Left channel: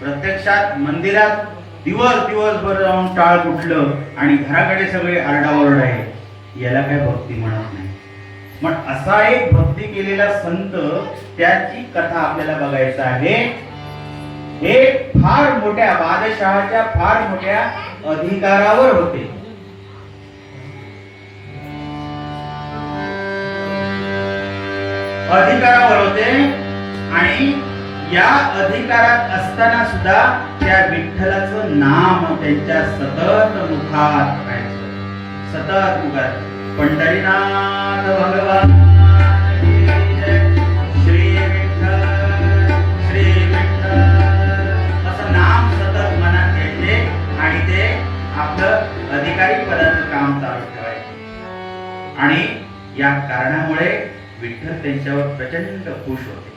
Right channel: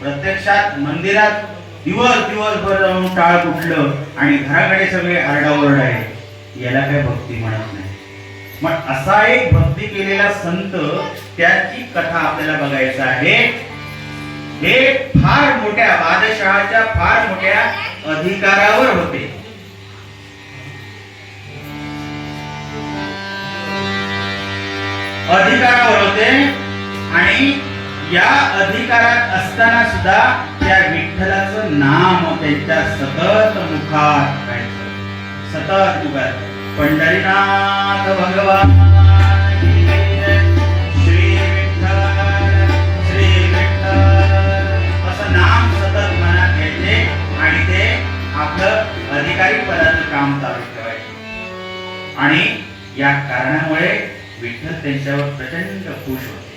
प्रत्यक्षात मंदिरात दिवसभर जाऊन टाळ कुठलं आणि घराकडे सगळे आरडाओरड आहे, याला काय भक्ती म्हणत नाही. मग असा एक भक्ती केलेला संत, त्याची कथा आपल्याला बघायचं आहे. हे फार मोठ्या बादशहाच्या फार मोठ्या अधिकारावर होते. आणि या अधिकारात असताना सुद्धा त्या विठ्ठलाचं नाम त्यांच्या सतत मुखात राहायचं, सतत मुखात. पंढरीनाथ भगवान श्री विठ्ठल श्री विठ्ठल असं नाम सतत मनात घ्यायचे आणि ते आपलं अधिकारी पदाचं काम चालू ठेवायचे. आणि या कारणामुळे विठ्ठल त्यांच्यावर प्रचंड खुश होते,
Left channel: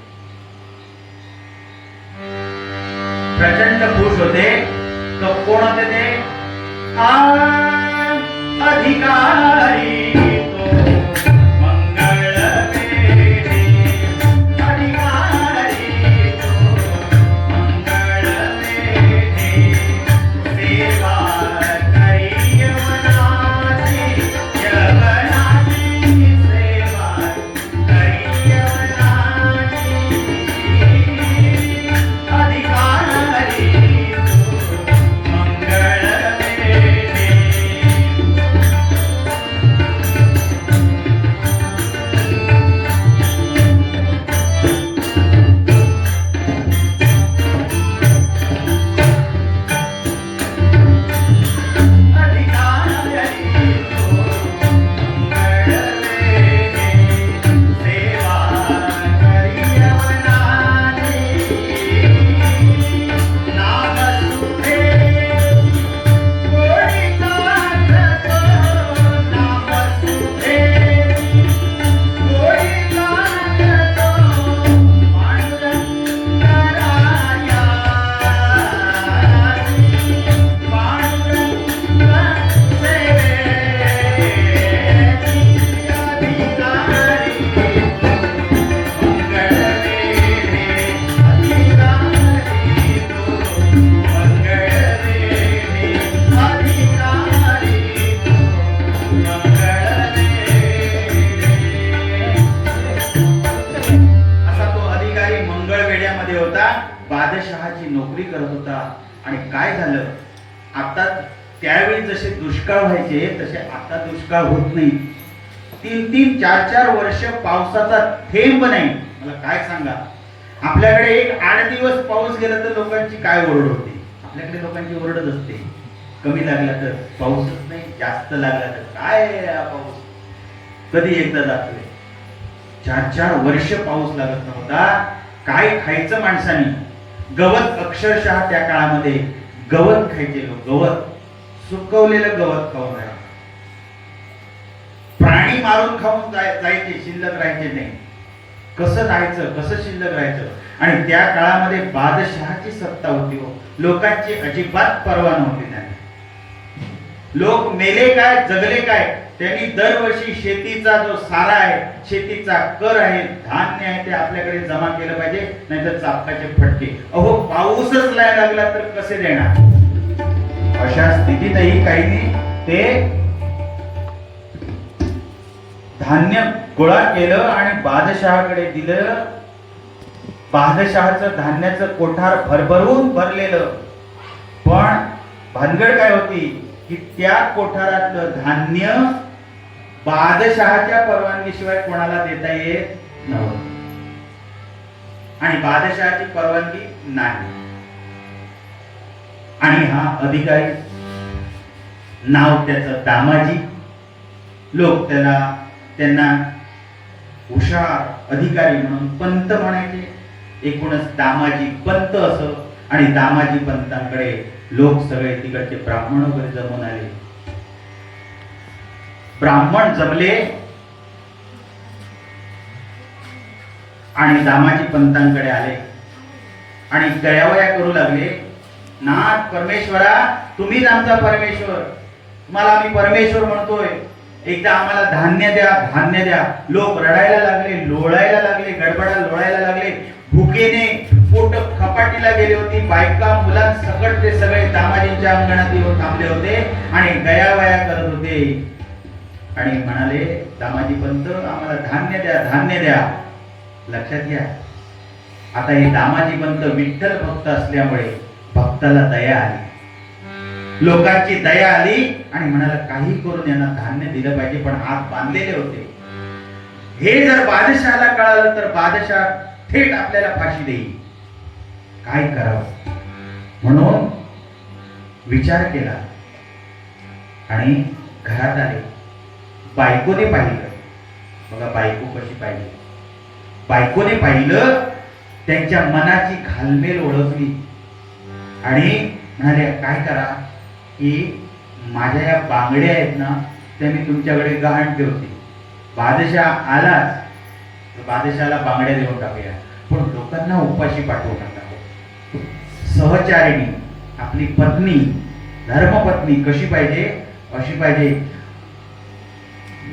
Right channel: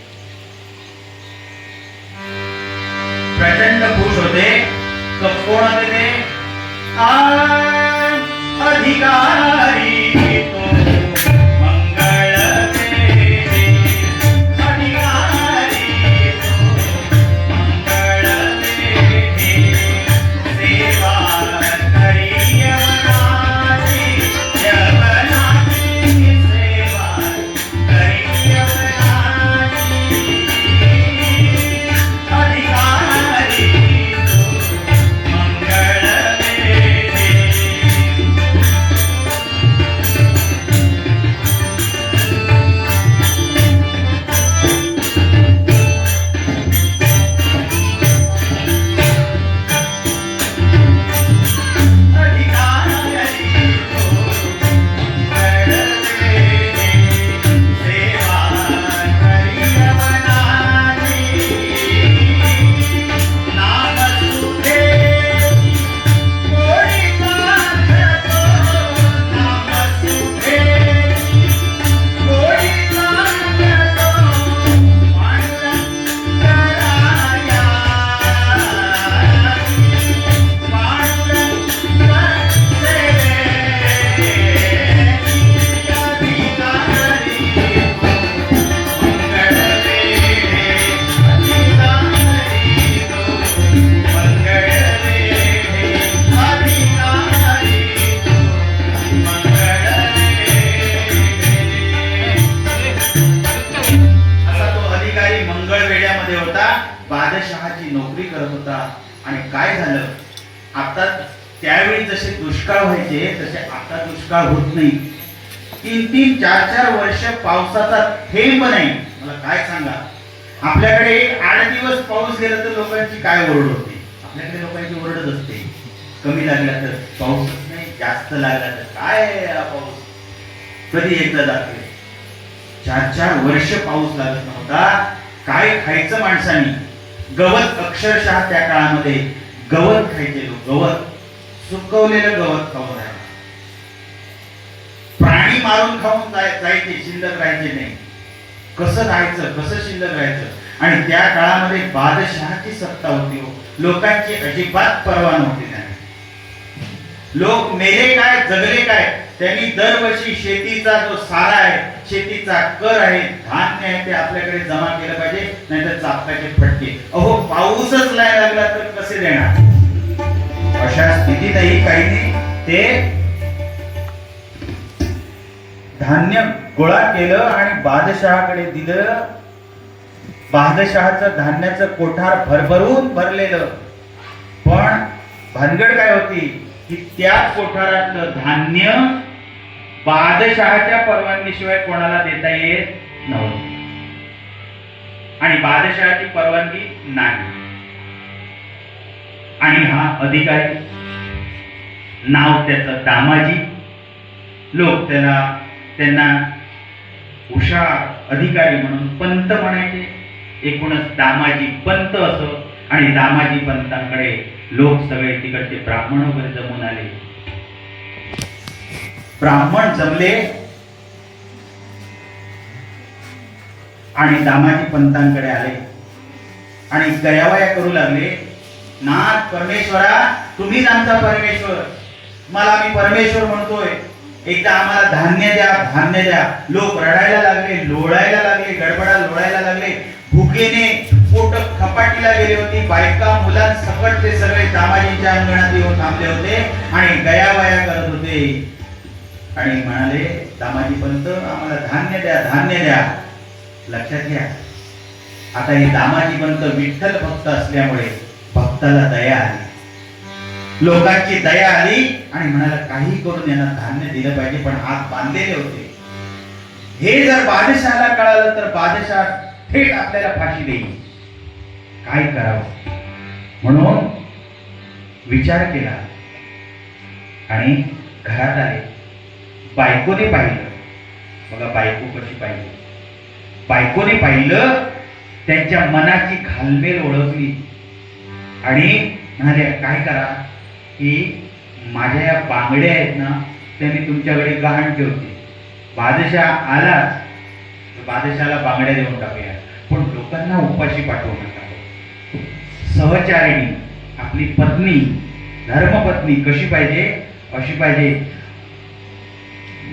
प्रचंड खुश होते. कोण होते ते? अधिकारी तो मंगळ देवी, अधिकारी तो मंगळ देवी, सेवा करी यवनाची, यवनाची सेवा करी यवनाची, अधिकारी तो मंगळ देवी. बादशहाची नोकरी करत होता. आणि काय झालं, आता त्यावेळी जसे दुष्काळ व्हायचे तसे आता दुष्काळ होत नाही. 3-3, 4-4 वर्ष पावसाचा थेंब नाही. मला काय सांगा, आपल्याकडे एक 8 दिवस पाऊस गेला तर लोकांची काय ओरड होते? आपल्याकडे लोकांची ओरडच असते, कमी लागला तर पाऊसच नाही, जास्त लागला तर काय पाऊस कधी एकदा जातोय. 4-4 वर्ष पाऊस लागत नव्हता. काय खायचं माणसानी? गवत, अक्षरशः त्या काळामध्ये गवत खायचे लोक, गवत, सुकवलेलं गवत खाऊन राहायचं. प्राणी मारून खाऊन जायचे, शिल्लक राहायचे नाही. कसं राहायचं, कसं शिल्लक राहायचं? आणि त्या काळामध्ये बादशहाची सत्ता होती हो. लोकांची अजिबात पर्वा नव्हती. लोक मेले काय, जगले काय, त्यांनी दरवर्षी शेतीचा जो सारा आहे, शेतीचा कर आहे, धान्य आहे, ते आपल्याकडे जमा केलं पाहिजे, नाहीतर चापकाचे फटके. अहो, पाऊसच नाही लागला तर कसे देणार? अशा स्थितीतही काहींनी ते धान्य गोळा केलं आणि बादशहाकडे दिलं. बादशहाचं धान्याचं कोठार भरभरून भरलेलं. पण भानगड काय होती की त्या कोठारातलं धान्य बादशहाच्या परवानगीशिवाय कोणाला देता येत नव्हतं. आणि बादशहाची परवानगी नाही. आणि हा अधिकारी, नाव त्याचं दामाजी, लोक त्यांना हुशार अधिकारी म्हणून पंत म्हणायचे. एकूणच दामाजी पंत असो. आणि दामाजी पंतांकडे लोक सगळे तिकडचे ब्राह्मण वगैरे जमून आले. ब्राह्मण जमले आणि दामाजी पंतांकडे आले आणि गयावया करू लागले. नाथ परमेश्वरा, तुम्हीच आमचा परमेश्वर, मला मी परमेश्वर म्हणतोय, एकदा आम्हाला धान्य द्या, धान्य द्या. लोक रडायला लागले, लोळायला लागले, गडबडा लोळायला लागले. भुकेने पोट खपाटीला गेली होती. बायका मुलांसकट ते सगळे दामाजींच्या अंगणात येऊन थांबले होते आणि गयावया करत होते आणि म्हणाले, दामाजी पंत आम्हाला धान्य द्या, धान्य द्या. लक्षात घ्या, आता हे दामाजी पंत विठ्ठल भक्त असल्यामुळे भक्ताला दया आली, लोकांची दया आली आणि म्हणाला काही करून यांना धान्य दिलं पाहिजे, पण हात बांधलेले होते. हे जर बादशाहाला कळालं तर बादशाह थेट आपल्याला फाशी देईल. काय करावं म्हणून विचार केला आणि घरात आले. बायकोने पाहिलं, बघा बायको कशी पाहिली. बायकोने पाहिलं, त्यांच्या मनाची घालमेल ओळखली आणि म्हणाले काय करा की माझ्या या बांगड्या आहेत ना त्या मी तुमच्याकडे गहाण ठेवते. बादशाह आलाच तर बादशाहाला बांगड्या देऊन टाकूया, पण लोकांना उपाशी पाठवू नका. सहचारिणी आपली पत्नी, धर्मपत्नी कशी पाहिजे, अशी पाहिजे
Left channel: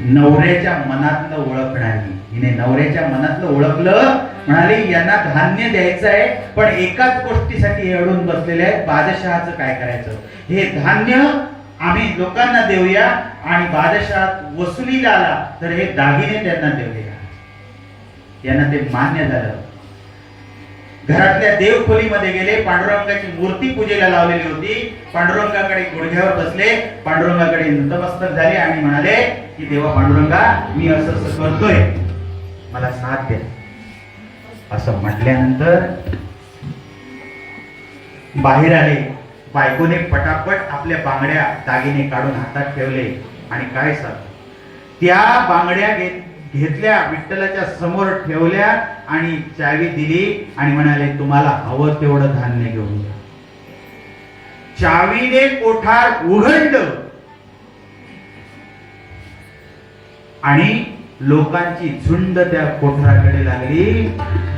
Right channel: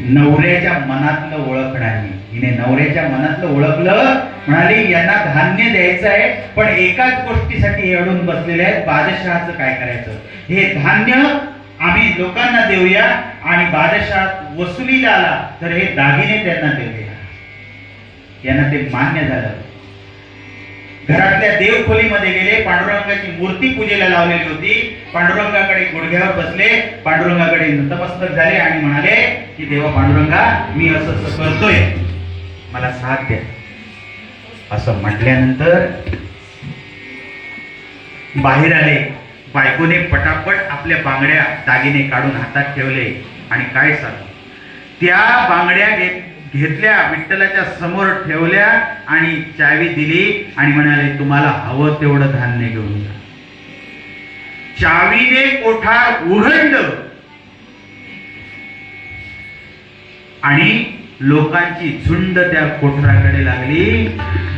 नवऱ्याच्या मनातलं ओळखणारी. हिने नवऱ्याच्या मनातलं ओळखलं, म्हणाली यांना धान्य द्यायचं आहे, पण एकाच गोष्टीसाठी एवढून बसलेले आहेत, बादशहाचं काय करायचं. हे धान्य आम्ही लोकांना देऊया आणि बादशाह वसुलीला आला तर हे दागिने त्यांना देऊया. यांना ते मान्य झालं. घरातल्या देवखोलीमध्ये गेले, पांडुरंगाची मूर्ती पूजेला लावलेली होती. पांडुरंगाकडे गुडघ्यावर बसले, पांडुरंगाकडे नतमस्तक झाले आणि म्हणाले की देवा पांडुरंगा मी असं असं करतोय, मला साथ द्या. असं म्हटल्यानंतर बाहेर आले. बायकोने पटापट आपल्या बांगड्या दागिने काढून हातात ठेवले आणि काय सांगू, त्या बांगड्या घेतल्या, विठ्ठलाच्या समोर ठेवल्या आणि चावी दिली आणि म्हणाले तुम्हाला हवं तेवढं धान्य घेऊन जा. चावीने कोठार उघडलं आणि लोकांची झुंड त्या कोठाराकडे लागली.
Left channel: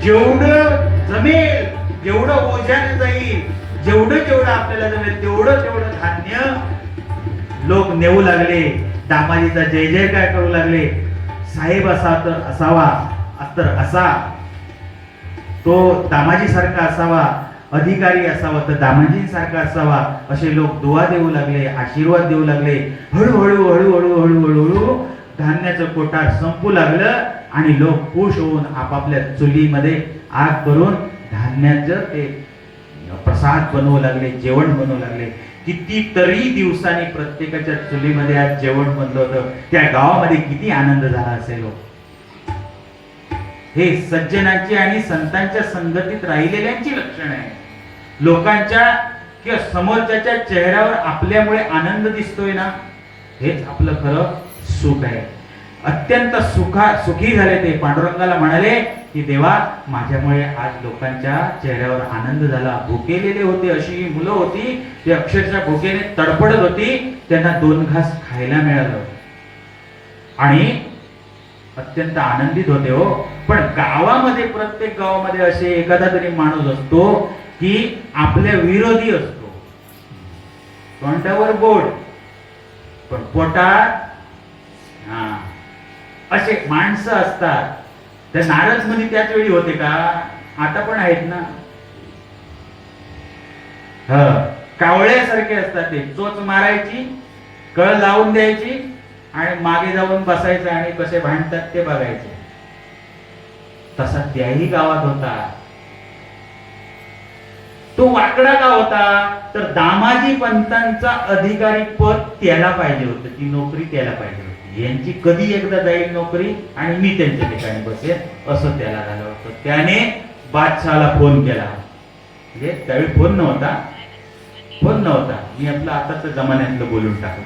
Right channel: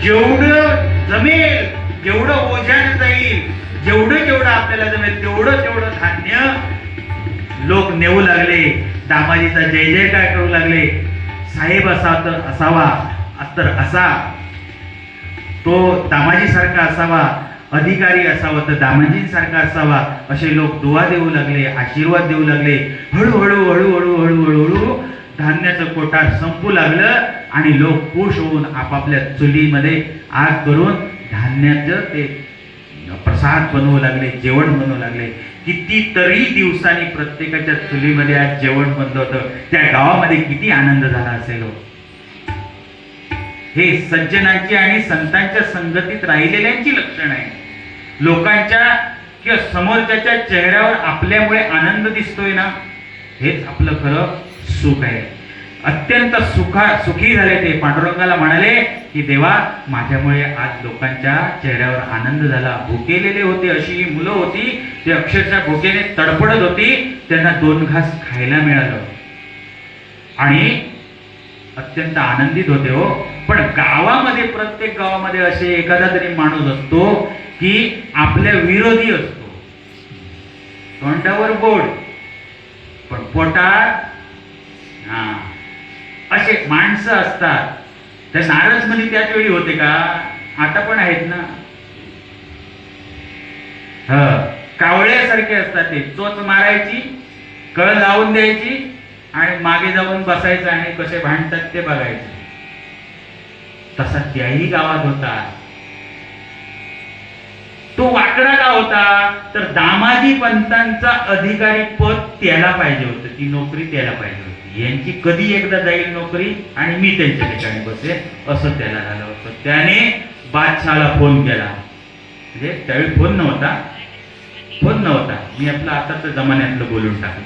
जेवढं जमेल, जेवढं ओझ्यानं जाईल, जेवढं जेवढं आपल्याला जमेल तेवढं तेवढं धान्य लोक नेऊ लागले. दामाजीचा जय जयकार करू लागले. साहेब असावा तर असा, तो दामाजी सारखा असावा, अधिकारी असावा तर दामाजी सारखा असावा, असे लोक दुआ देऊ लागले, आशीर्वाद देऊ लागले. हळूहळू हळूहळू हळूहळू धान्याचं कोठार संपू लागलं आणि लोक खुश होऊन आपापल्या चुलीमध्ये आग करून धान्याचं ते प्रसाद बनवू लागले, जेवण बनवू लागले. कितीतरी दिवसांनी प्रत्येकाच्या चुलीमध्ये आज जेवण बनलं होतं. त्या गावामध्ये किती आनंद झाला असेल. हे सज्जनाची आणि संतांच्या संगतीत राहिलेल्यांची लक्षण आहे. लोकांच्या किंवा समोरच्याच्या चेहऱ्यावर आपल्यामुळे आनंद दिसतोय ना, हेच आपलं खरं सुख आहे. अत्यंत सुखी झाले ते. पांडुरंगाला म्हणाले की देवा माझ्यामुळे आज लोकांच्या चेहऱ्यावर आनंद झाला. भुकेलेले होते, अशी मुलं होती ते अक्षरशः भुकेने तडफडत होती, त्यांना 2 घास खायला मिळालं आणि अत्यंत आनंदित होते. हो, पण गावामध्ये, प्रत्येक गावामध्ये असे एखादा तरी माणूस असतो की आपल्या विरोधी असतो. तोंडावर गोड पण पोटात असे माणसं असतात. त्या नारद मुनी त्याच वेळी होते का? आता पण आहेत ना. कावळ्यासारखे असतात ते. चोच मारायची, कळ लावून द्यायची आणि मागे जाऊन बसायचं आणि कसे भांडतात ते बघायचं. तसा त्याही गावात होता. तो वाकडा का होता? तर दामाजी पंतांचा अधिकारी पद त्याला पाहिजे होतं, ती नोकरी त्याला पाहिजे होती. यांची कधी एकदा जाईल नोकरी आणि मी त्यांच्या ठिकाणी बसेल, असं त्याला झालं होतं. त्याने बादशाहाला फोन केला. म्हणजे त्यावेळी फोन नव्हता, मी आपलं आताच जमान्यातलं बोलून टाकलं.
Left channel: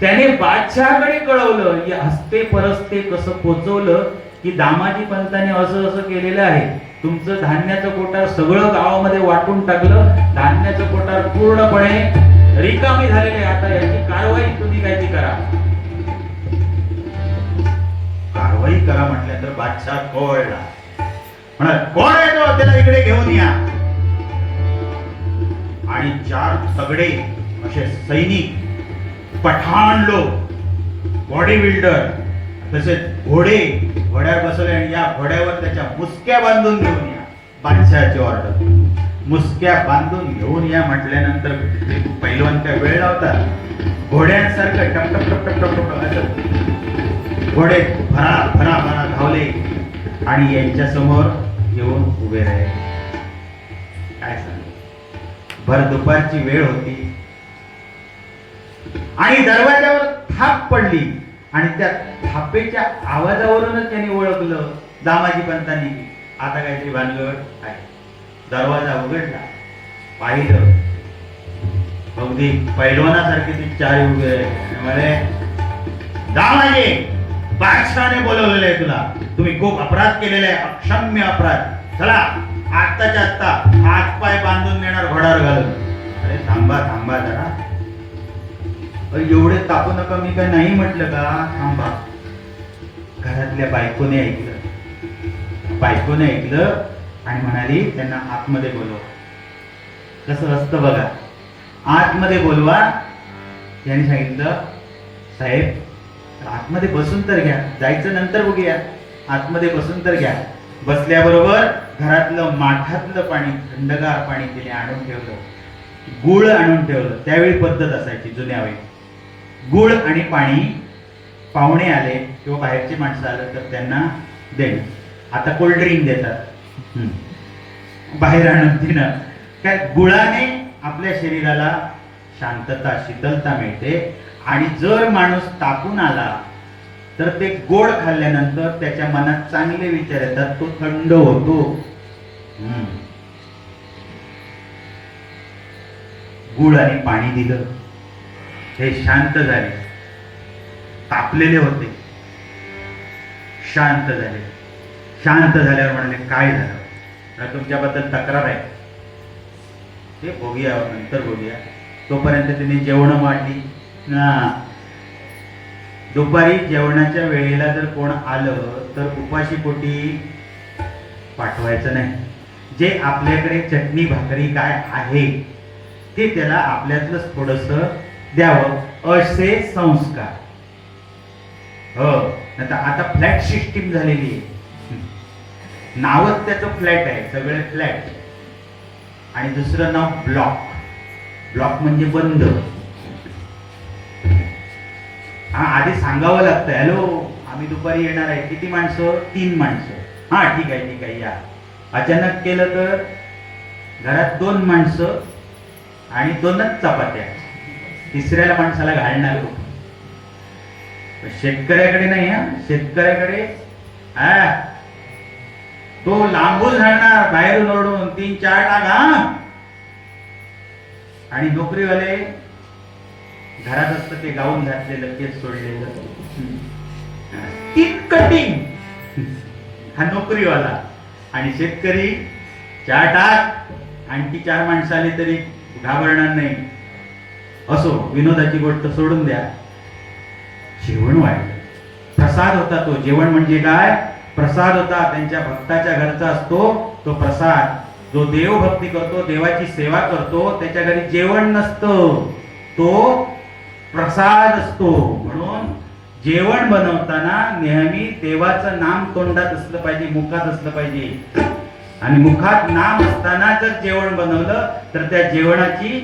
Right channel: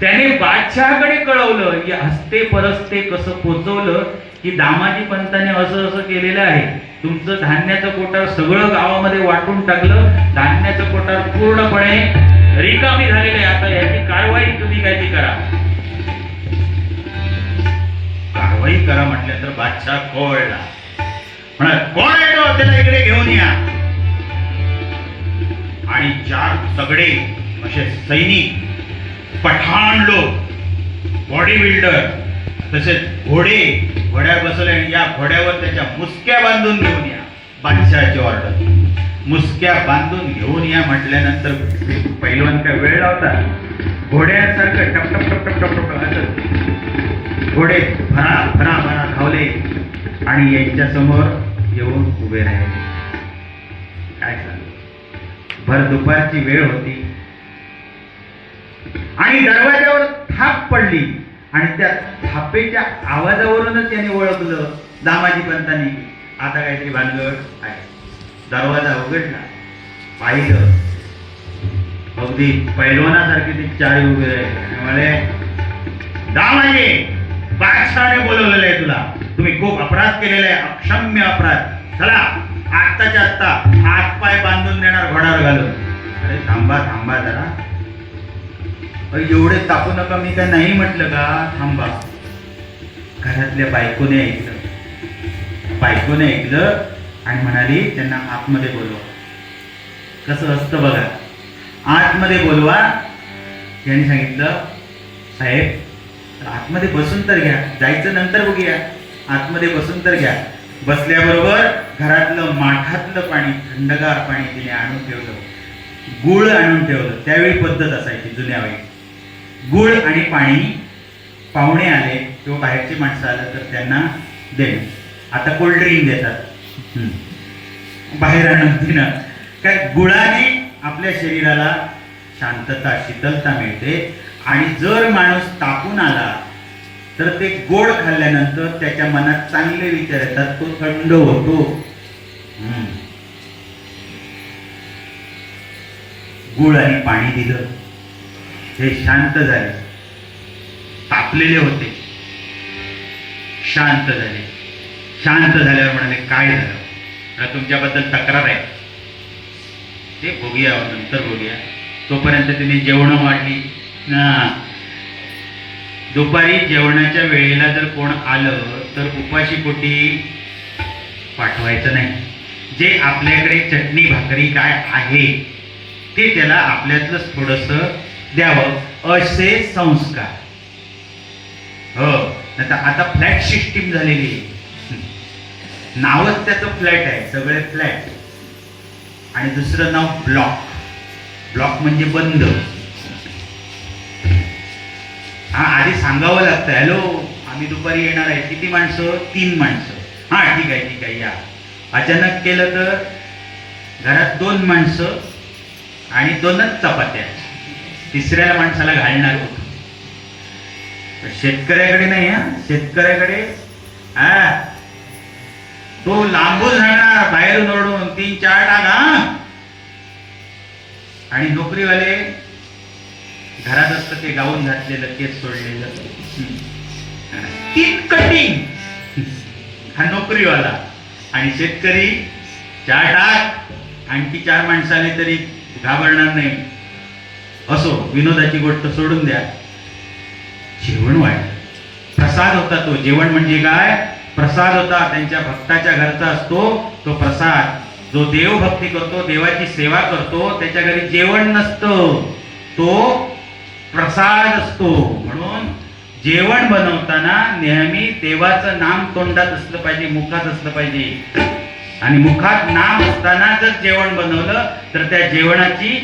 त्याने बादशहाकडे कळवलं, या हस्ते परस्ते कसं पोचवलं की दामाजी पंताने असं असं केलेलं आहे. तुमचं धान्याचं कोठार सगळं गावामध्ये वाटून टाकलं. धान्याचं कोठार पूर्णपणे रिकामी झालेलं आहे. आता याची कारवाई तुम्ही काय ती करा. कारवाई करा म्हटल्यानंतर बादशाह कोळला. म्हणा कोण आहे तो, त्याला इकडे घेऊन या. आणि 4 तगडे असे सैनिक, पठाण लोक, बॉडी बिल्डर, तसेच घोड्यावर बसवले आणि या घोड्यावर त्याच्या मुसक्या बांधून घेऊन या. बादशहाची ऑर्डर. मुसक्या बांधून घेऊन या म्हटल्यानंतर पैलवान काय वेळ लावतात, घोड्यांसारखं टप टप टप टप टप टप असं घोडे भरा भरा भरा धावले आणि यांच्या समोर येऊन उभे राहिले. काय सांगू, भर दुपारची वेळ होती आणि दरवाजावर थाप पडली आणि त्या थापेच्या आवाजावरूनच त्यांनी ओळखलं दामाजी पंतांनी आता काहीतरी भानगड आहे. दरवाजा उघडला, पाहिलं अगदी पैलवानासारखे ते चार उभे राहिले. दामाजी, बादशहाने बोलवलेलं आहे तुला, तुम्ही खूप अपराध केलेला आहे, अक्षम्य अपराध. चला आत्ताच्या आत्ता हात पाय बांधून देणार घोड्यावर घालून. अरे थांबा थांबा जरा, एवढे तापू नका, मी काय नाही म्हटलं का, थांबा. घरातल्या बायकोने ऐकलं आणि म्हणाली त्यांना आतमध्ये बोलवा. कसं असतं बघा, आतमध्ये बोलवा. त्यांनी सांगितलं साहेब आतमध्ये बसून तर घ्या, जायचं नंतर बघूया, आतमध्ये बसून तर घ्या. बसल्याबरोबर घरातलं माठातलं पाणी, थंडगार पाणी तिने आणून ठेवलं, गुळ आणून ठेवलं. त्यावेळी पद्धत असायची जुन्या वेळी, गुळ आणि पाणी. पाहुणे आले किंवा बाहेरची माणसं आलं तर त्यांना देणं. आता कोल्ड ड्रिंक देतात बाहेर आणून देणं. काय गुळाने आपल्या शरीराला शांतता, शीतलता मिळते. आणि जर माणूस तापून आला तर ते गोड खाल्ल्यानंतर त्याच्या मनात चांगले विचार येतात, तो थंड होतो. गुळ आणि पाणी दिलं, हे शांत झाले. तापलेले होते, शांत झाले. शांत झाल्यावर म्हणाले काय झालं, तुमच्याबद्दल तक्रार आहे, ते बघूया नंतर बघूया. तोपर्यंत तिने जेवण वाढली ना. दुपारी जेवणाच्या वेळेला जर कोण आलं तर उपाशी पोटी पाठवायचं नाही. जे आपल्याकडे चटणी भाकरी काय आहे ते त्याला आपल्यातलंच थोडस द्यावं, असे संस्कार. हो, नाही तर आता फ्लॅट सिस्टीम झालेली आहे. नावच त्याचं फ्लॅट आहे, सगळे फ्लॅट. आणि दुसरं नाव ब्लॉक. ब्लॉक म्हणजे बंद. हा, आधी सांगावं लागतं, हॅलो आम्ही दुपारी येणार आहे, किती माणसं, 3 माणसं. हा ठीक आहे ठीक आहे या. अचानक केलं तर घरात 2 माणसं आणि 2च चपात्या, तिसऱ्या माणसाला घालणार कुठं. शेतकऱ्याकडे नाही, हा शेतकऱ्याकडे तो लांबून राहणार, बाहेरून ओरडून 3-4 टाका. आणि नोकरीवाले घरात असतं ते गाऊन घातलेलं, केस सोडलेलं, 3 कटिंग, हा नोकरीवाला. आणि शेतकरी 4 टाक, आणखी 4 माणसं आले तरी घाबरणार नाही. असो, विनोदाची गोष्ट सोडून द्या. जेवण वाढलं, प्रसाद होता तो. जेवण म्हणजे काय, प्रसाद होता. त्यांच्या भक्ताच्या घरचा असतो तो प्रसाद. जो देवभक्ती करतो, देवाची सेवा करतो, त्याच्या घरी जेवण नसतं, तो प्रसाद असतो. म्हणून जेवण बनवताना नेहमी देवाचं नाम तोंडात असलं पाहिजे, मुखात असलं पाहिजे. आणि मुखात नाम असताना जर जेवण बनवलं तर त्या जेवणाची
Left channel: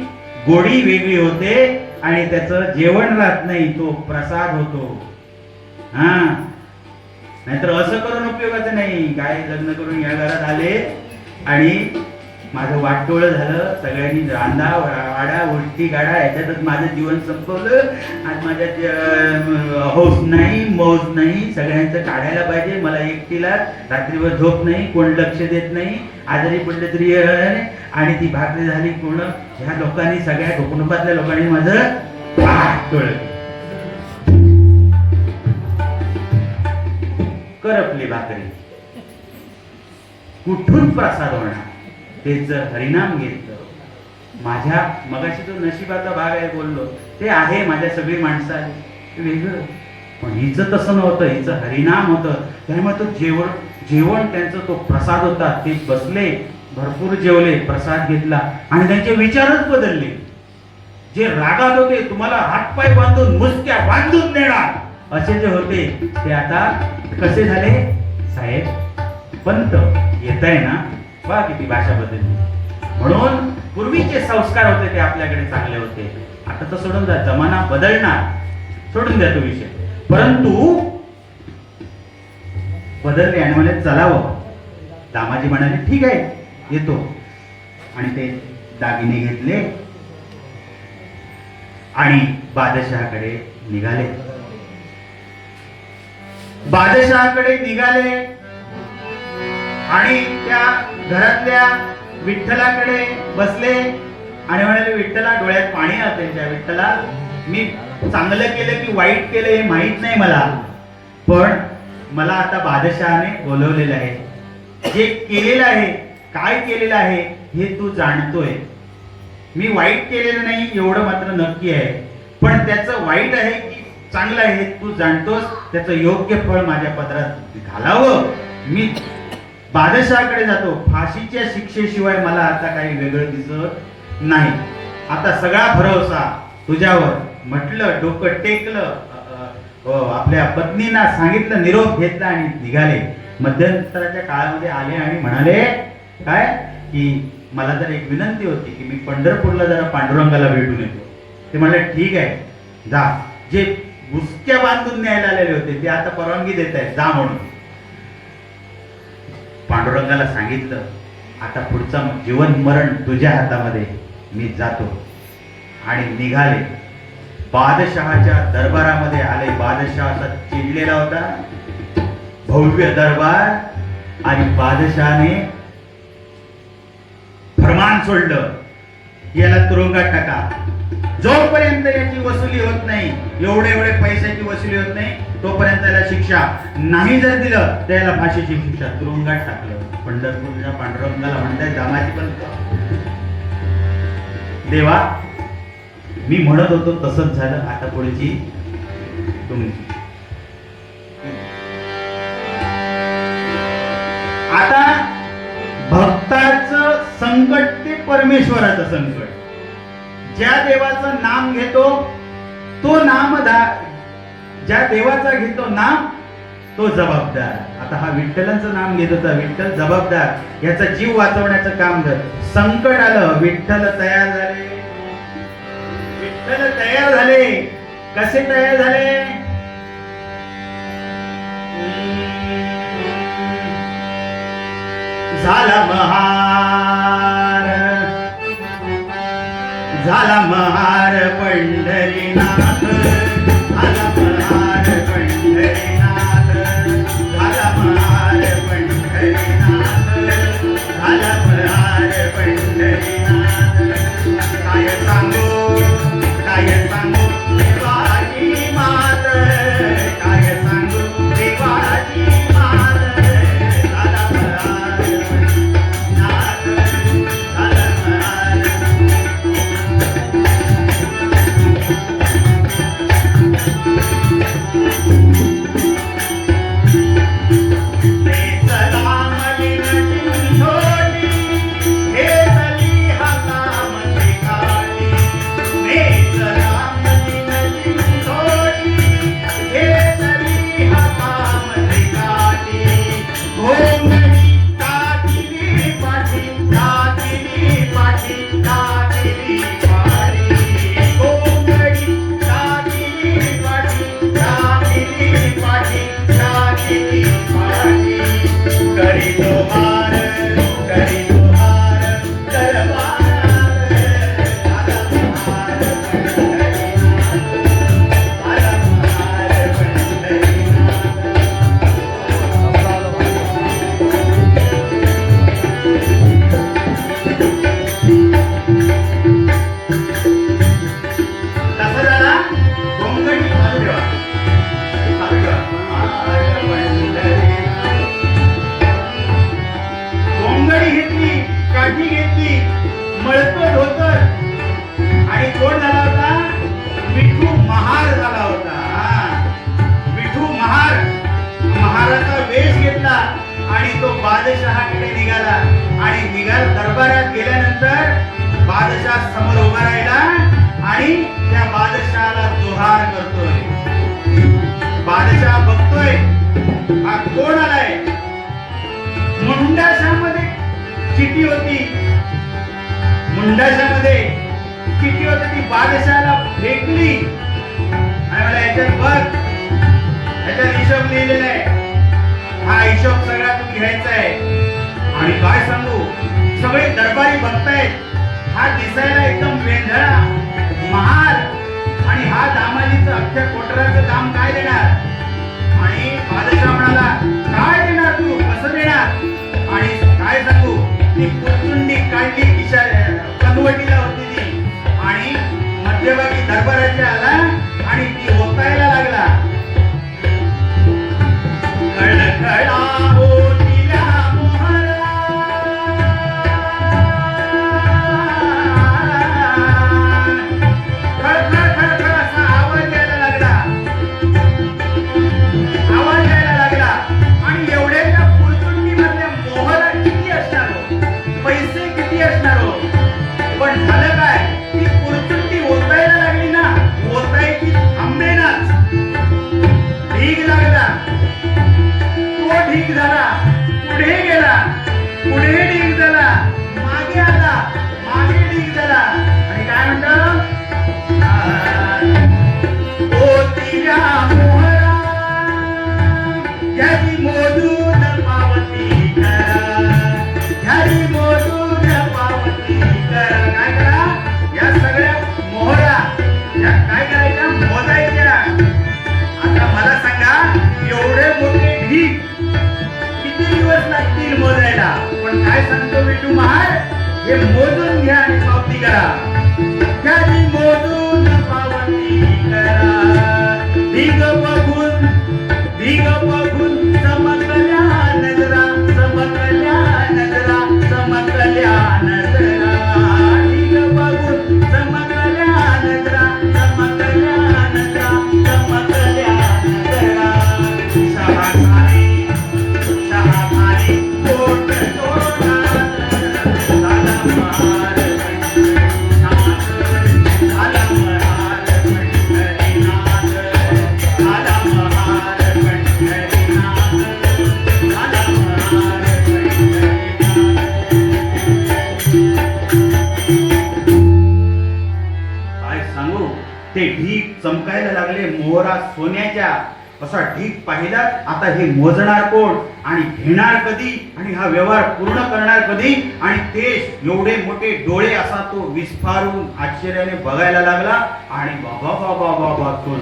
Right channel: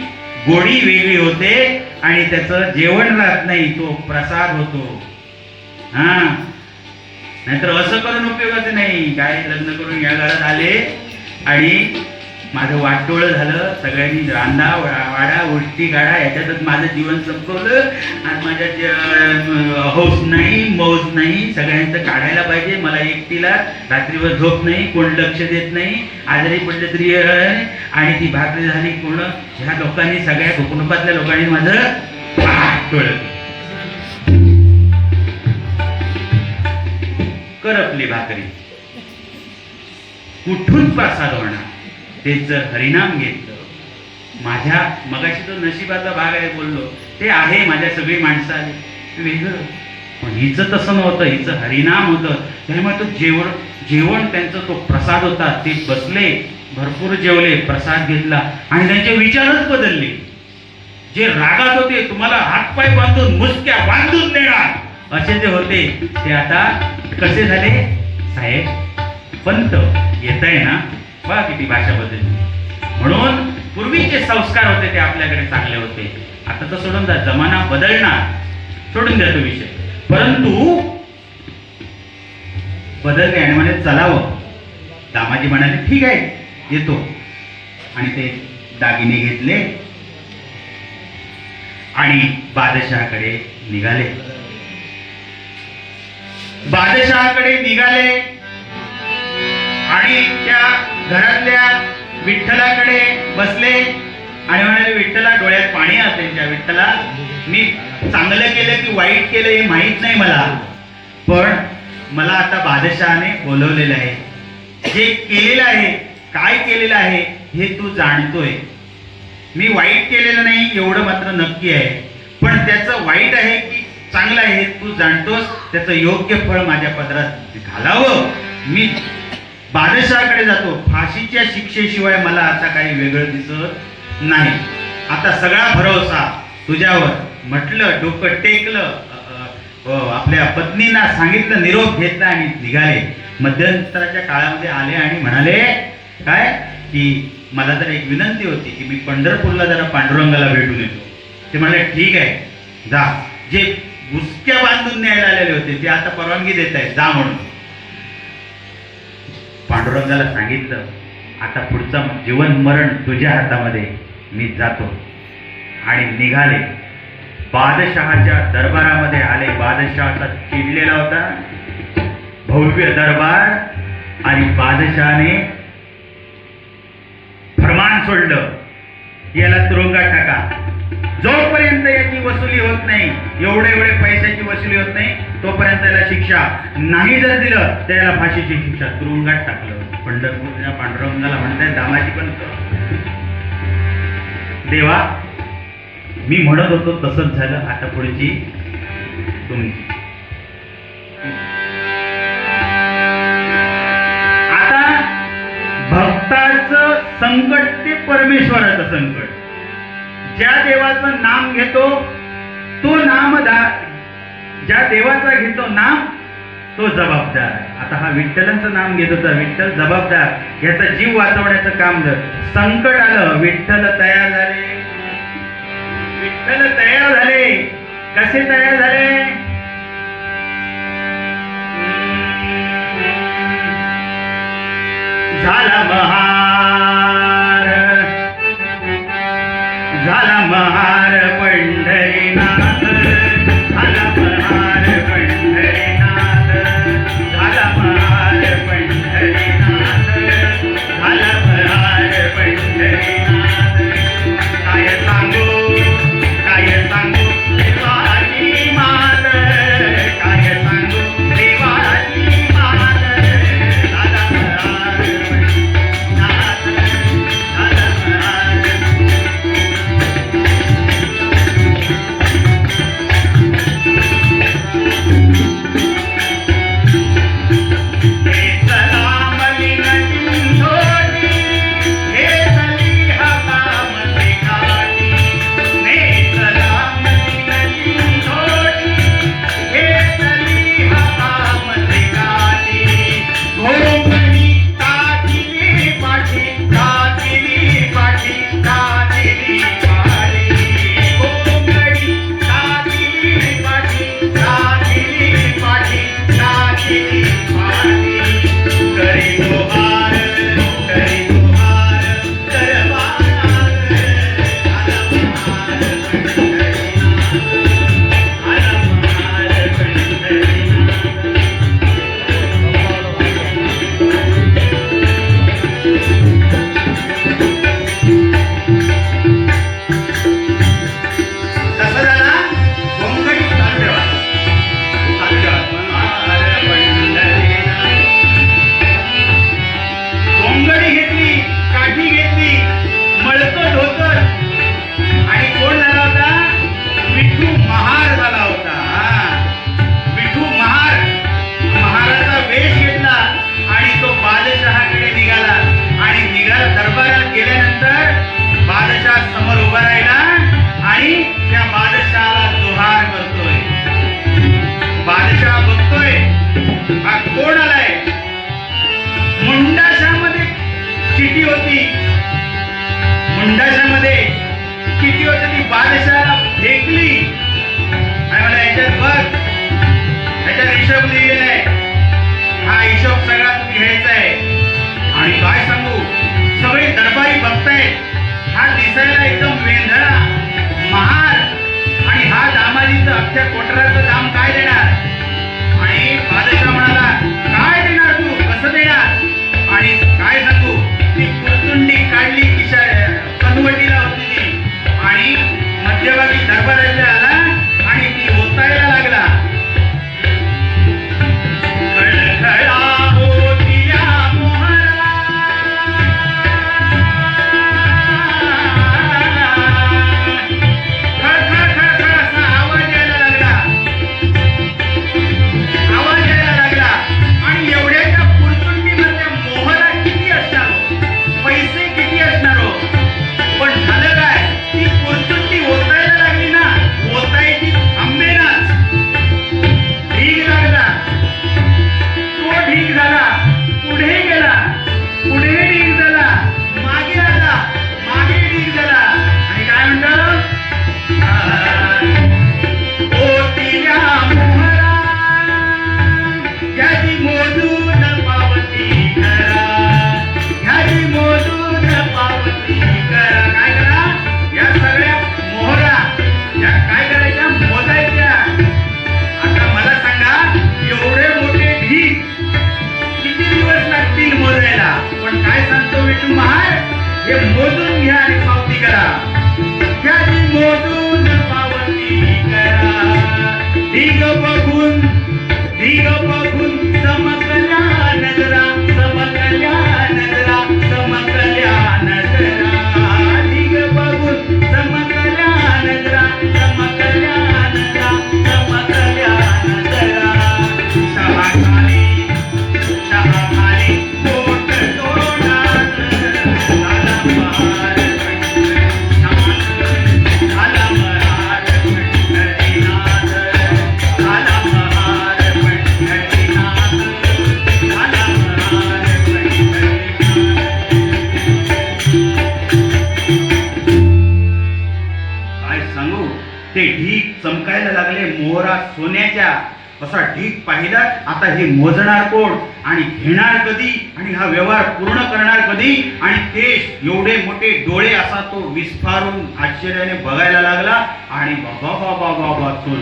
गोडी वेगळी होते आणि त्याचं जेवण राहत नाही, तो प्रसाद होतो. हा, नाहीतर असं करून उपयोगाचं नाही. काय लग्न करून या घरात आले आणि माझं वाटोळ झालं, सगळ्यांनी रांदा वाडा उलटी गाडा याच्यातच माझं जीवन संपवलं. आज माझ्या हौस नाही, मौज नाही, सगळ्यांचं काढायला पाहिजे. मला एकटीला रात्रीवर झोप नाही, कोण लक्ष देत नाही, आजारी पडले तरी. आणि ती भाकरी झाली पूर्ण. ह्या लोकांनी, सगळ्या कुटुंबातल्या लोकांनी माझं वाटोळ करपली भाकरी. कुठून प्रसाद होणार, ते जर हरिनाम घेतलं. माझ्या मगाशी जो नशिबाचा भाग आहे बोललो, ते आहे. माझ्या सगळी माणसं आली वेगळं, पण हिचं तसं नव्हतं, हिचं हरिनाम होतं. त्यामुळे तो जेवण त्यांचा तो प्रसाद होता. ते बसले, भरपूर जेवले, प्रसाद घेतला आणि त्यांचे विचारच बदलले. जे रागात होते, तुम्हाला हातपाय बांधून मुसक्या बांधून देणार असे जे होते, ते आता कसे झाले, साहेब पंत येत आहे ना, बघा किती भाषा बदलली. म्हणून पूर्वीचे संस्कार होते ते आपल्याकडे चांगले होते. आता तर सोडून द्या, जमाना बदलणार, सोडून द्या तो विषय. परंतु बदलले आणि म्हणे चलावं. दामाजी म्हणाले ठीक आहे येतो, आणि ते दागिने घेतले आणि बादशहाकडे निघाले. बादशहाकडे निघाले आणि त्या घरातल्या विठ्ठलाकडे बसले आणि म्हणाले विठ्ठला, डोळ्यात पाणी आलं त्यांच्या. विठ्ठला, मी चांगलं केलं की वाईट केलं हे माहित नाही मला, पण मला आता बादशहाने बोलवलेलं आहे. जे केलेलं आहे, काय केलेलं आहे हे तू जाणतोय. मी वाईट केलेलं नाही एवढं मात्र नक्की आहे, पण त्याचं वाईट आहे की चांगलं आहे हे तू जाणतोस. त्याचं योग्य फळ माझ्या पदरात घालावं. मी बादशहाकडे जातो. फाशीच्या शिक्षेशिवाय मला आता काही वेगळं दिसत नाही. आता सगळा भरोसा तुझ्यावर. म्हटलं, डोकं टेकलं, आपल्या पत्नींना सांगितलं, निरोप घेतला आणि निघाले. मध्यंतराच्या काळामध्ये आले आणि म्हणाले काय की मला जर एक विनंती होती की मी पंढरपूरला जरा पांडुरंगाला भेटून येतो. ते म्हणाले ठीक आहे जा. जे गुसक्या बांधून न्यायला आलेले होते ते आता परवानगी देत आहेत, जा म्हणून. पांडुरंगाला सांगितलं आता पुढचं जीवन मरण तुझ्या हातामध्ये, मी जातो. आणि निघाले. बादशहाच्या दरबारामध्ये आले. बादशहाचा चिडलेला होता, भव्य दरबार, आणि बादशहाने फरमान सोडलं, याला तुरुंगात टाका. जोपर्यंत याची वसुली होत नाही, एवढे पैशाची वसुली होत नाही, तोपर्यंत याला शिक्षा नाही. जर दिलं त्याला फाशीची शिक्षा. तुरुंगात टाकलं. पंढरपूरच्या पांडुरंगाला म्हणतात दामाजी पण देवा, मी म्हणत होतो तसंच झालं, आता पुढची तुमची. आता भक्ताचं संकट ते परमेश्वराचं संकट. ज्या देवाचं नाम घेतो तो ज्या देवाचा घेतो नाम तो जबाबदार. आता हा विठ्ठलांचं नाम घेत होता, विठ्ठल जबाबदार. याचा जीव वाचवण्याचं काम जर संकट आलं, विठ्ठल तयार झाले. विठ्ठल तयार झाले. कसे तयार झाले? झाला महार, झाला महार पंढरीनाथ, झाला महार पंढरीनाथ, झाला महार पंढरीनाथ, झाला महार पंढरीनाथ. काय सांगू, काय सांगू देवाची मात, काय सांगू देवाची मात. झाला महार पंढरीनाथ, झाला महार. किती होती ती बादशाहाला फेकली आणि मला याच्यात बघ, याच्यात हिशोब लिहिलेला आहे, हा हिशोब सगळा तू घ्यायचा आहे. आणि काय सांगू, सगळे दरबारी बघतायत, हा दिसायला एकदम वेंधळा महार, आणि हा दामाजीचं अख्ख्या कोटराचं दाम काय देणार. आणि बादशाह म्हणाला, काय देणार तू, कसं देणार. आणि काय सांगू, ती कुरचुंडी काढली, कनवटीला होती ती, आणि मध्यभागी दरबाराच्या आला आणि ती ओतायला लागला. खळखळा होतिया मोहरा, खळखळ खळखळ असा आवाज यायला लागला, आवाज यायला लागला. आणि एवढ्याच्या कुरचुंडीमध्ये मोहरा किती असणार हो, पैसे किती असणार हो. पण झालं काय, ती कुरचुंडी ओतायला लागली ना, ओतायची थांबेनाच. ढीग लागला, तो ढीग झाला, पुढे गेला, पुढे ढीग झाला, मागे आला, मागे ढीग झाला. आणि काय म्हणतो, ओतिया मोहरा, याची मोजून पावती करा, याची मोजून पावती करा. काय करा, या सगळ्या मोहरा या काय करायच्या, मोजायच्या. आता मला सांगा, एवढे मोठे ढीग किती दिवस लागतील मोजायला. पण काय सांगतो विठू महार, हे मोजून घ्या आणि पावती करा. याची मोजून पावती करा. ढीग बघून चमकल्या नजरा, चमकल्या नजरा, चमकल्या नजरा. ढीग बघून चमकल्या नजरा, चमकल्या नजरा, चमकल्या नजरा. शहाकारी कोट तोडा, अलंकार अलंकार पंढरीनाथ, अलंकार पंढरीनाथ, अलंकार पंढरीनाथ. काय सांगू, ते ढीग चमकायला लागले, मोहरा सोन्याच्या. असा ढीग पाहिला. आता हे मोजणार कोण आणि घेणार कधी, आणि हा व्यवहार पूर्ण करणार कधी. आणि ते एवढे मोठे डोळे असा तो विस्फारून आश्चर्याने बघायला लागला. आणि बाबा बाबा बाबा तो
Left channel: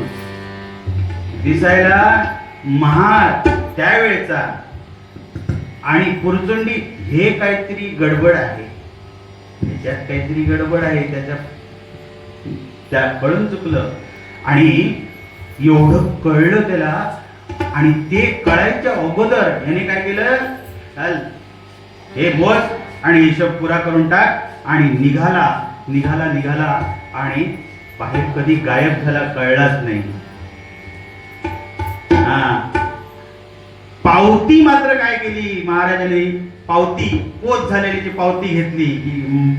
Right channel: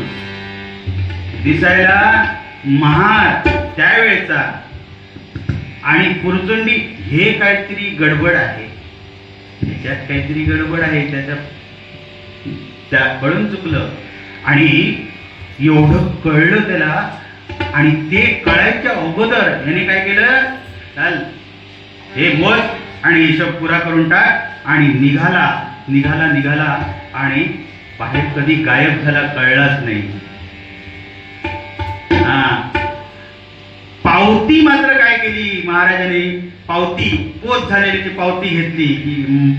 दिसायला महार त्यावेळेचा, आणि कुरचुंडी हे काहीतरी गडबड आहे, त्याच्यात काहीतरी गडबड आहे, त्या कळून चुकलं. आणि एवढं कळलं त्याला. आणि ते कळायच्या अगोदर याने काय केलं, चल हे मोज आणि हिशोब पुरा करून टाक. आणि निघाला आणि बाहेर कधी गायब झाला कळलाच नाही. पावती मात्र काय केली महाराजांनी, पावती पोच झालेली पावती घेतली की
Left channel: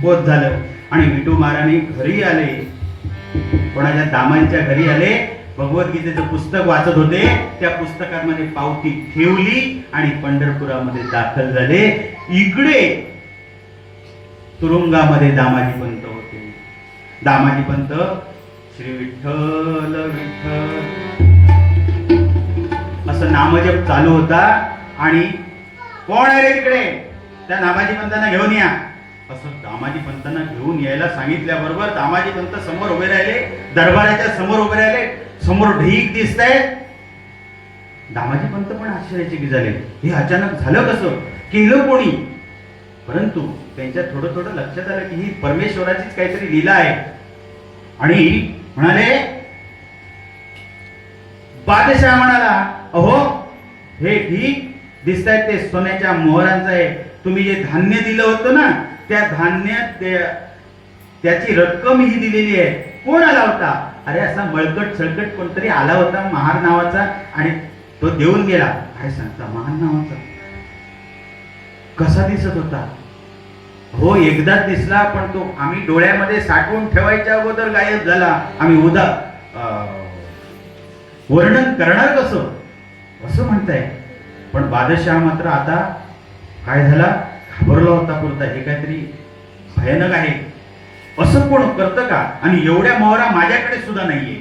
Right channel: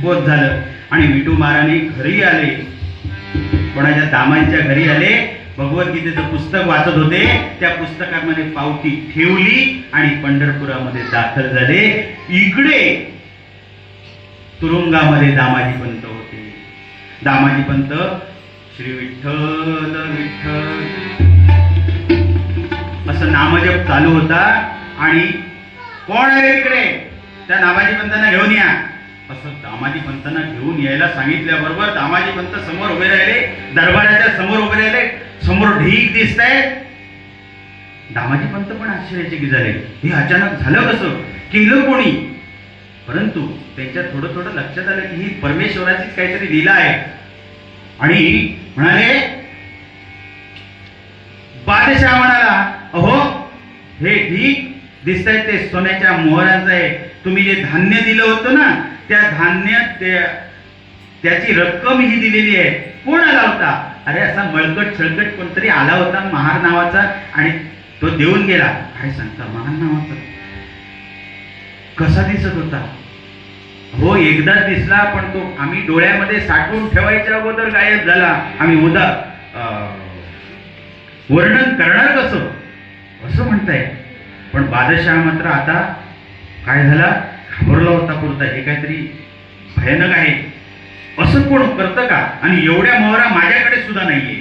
पोच झालं. आणि विठू महाराजांनी घरी आले, कोणाच्या दामांच्या घरी आले, भगवद्गीतेचं पुस्तक वाचत होते. त्या पुस्तकामध्ये पावती ठेवली आणि पंढरपुरामध्ये दाखल झाले. इकडे तुरुंगामध्ये दामाजी पंत होते. दामाजी पंत श्री विठ्ठल विठ्ठल असं नामजप चालू होता. आणि कोण आले इकडे, त्या दामाजी पंतांना घेऊन या असं दामाजी पंतांना घेऊन यायला सांगितल्याबरोबर दामाजी पंत समोर उभे राहिले, दरबाराच्या समोर उभे राहिले. समोर ढीग दिसतंय. दामाजी पंत पण आश्चर्यचकित झाले, हे अचानक झालं कसं, केलं कोणी. परंतु त्यांच्या थोडं थोडं लक्षात आलं की ही परमेश्वराचीच काहीतरी लीला आहे. आणि म्हणाले, बादशाह म्हणाला, अहो हे ढीग दिसतायत ते सोन्याच्या मोहरांचं आहे. तुम्ही जे धान्य दिलं होतं ना, त्या धान्य त्याची रक्कम ही दिलेली आहे. कोण आला होता, अरे असा मळकट सळकट कोणतरी आला होता महार नावाचा, आणि तो देऊन गेला. काय सांगता, महार नावाचा कसा दिसत होता. हो एकदा दिसला, पण तो आम्ही डोळ्यामध्ये साठवून ठेवायच्या अगोदर गायब झाला. आम्ही वर्णन करणार कसं असं म्हणताय. पण बादशाह मात्र आता काय झाला, घाबरला होता पुरता, हे काहीतरी भयानक आहे. असं कोण करतं का? आणि एवढ्या मोहरा माझ्याकडे सुद्धा नाहीये,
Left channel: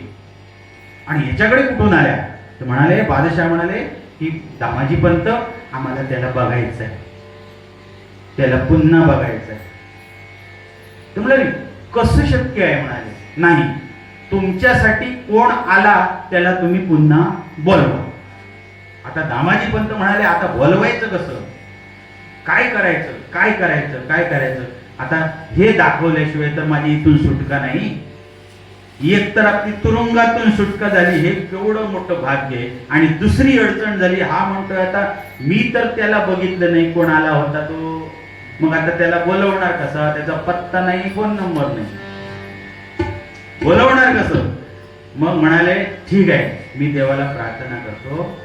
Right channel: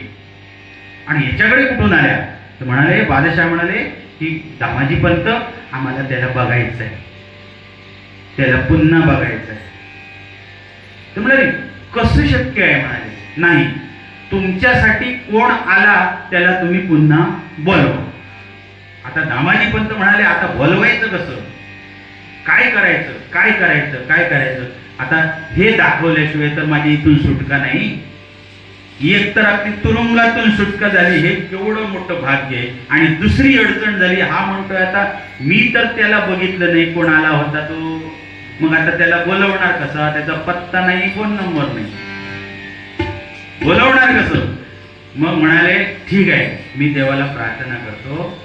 आणि याच्याकडे कुठून आल्या? तर म्हणाले, बादशाह म्हणाले की दामाजी पंत, आम्हाला त्याला बघायचं आहे, त्याला पुन्हा बघायचं आहे. तर म्हणाले, कसं शक्य आहे? म्हणाले, नाही, तुमच्यासाठी कोण आला त्याला तुम्ही पुन्हा बोलवा. आता दामाजी पंत म्हणाले, आता बोलवायचं कसं? काय करायचं, काय करायचं, काय करायचं? आता हे दाखवल्याशिवाय तर माझी इथून सुटका नाही. एक तर आपली तुरुंगातून सुटका झाली, हे केवढं मोठं भाग्य आहे. आणि दुसरी अडचण झाली, हा म्हणतोय आता मी तर त्याला बघितलं नाही, कोण आला होता तो, मग आता त्याला बोलवणार कसा? त्याचा पत्ता नाही, फोन नंबर नाही, बोलवणार कसं? मग म्हणाले, ठीक आहे, मी देवाला प्रार्थना करतो.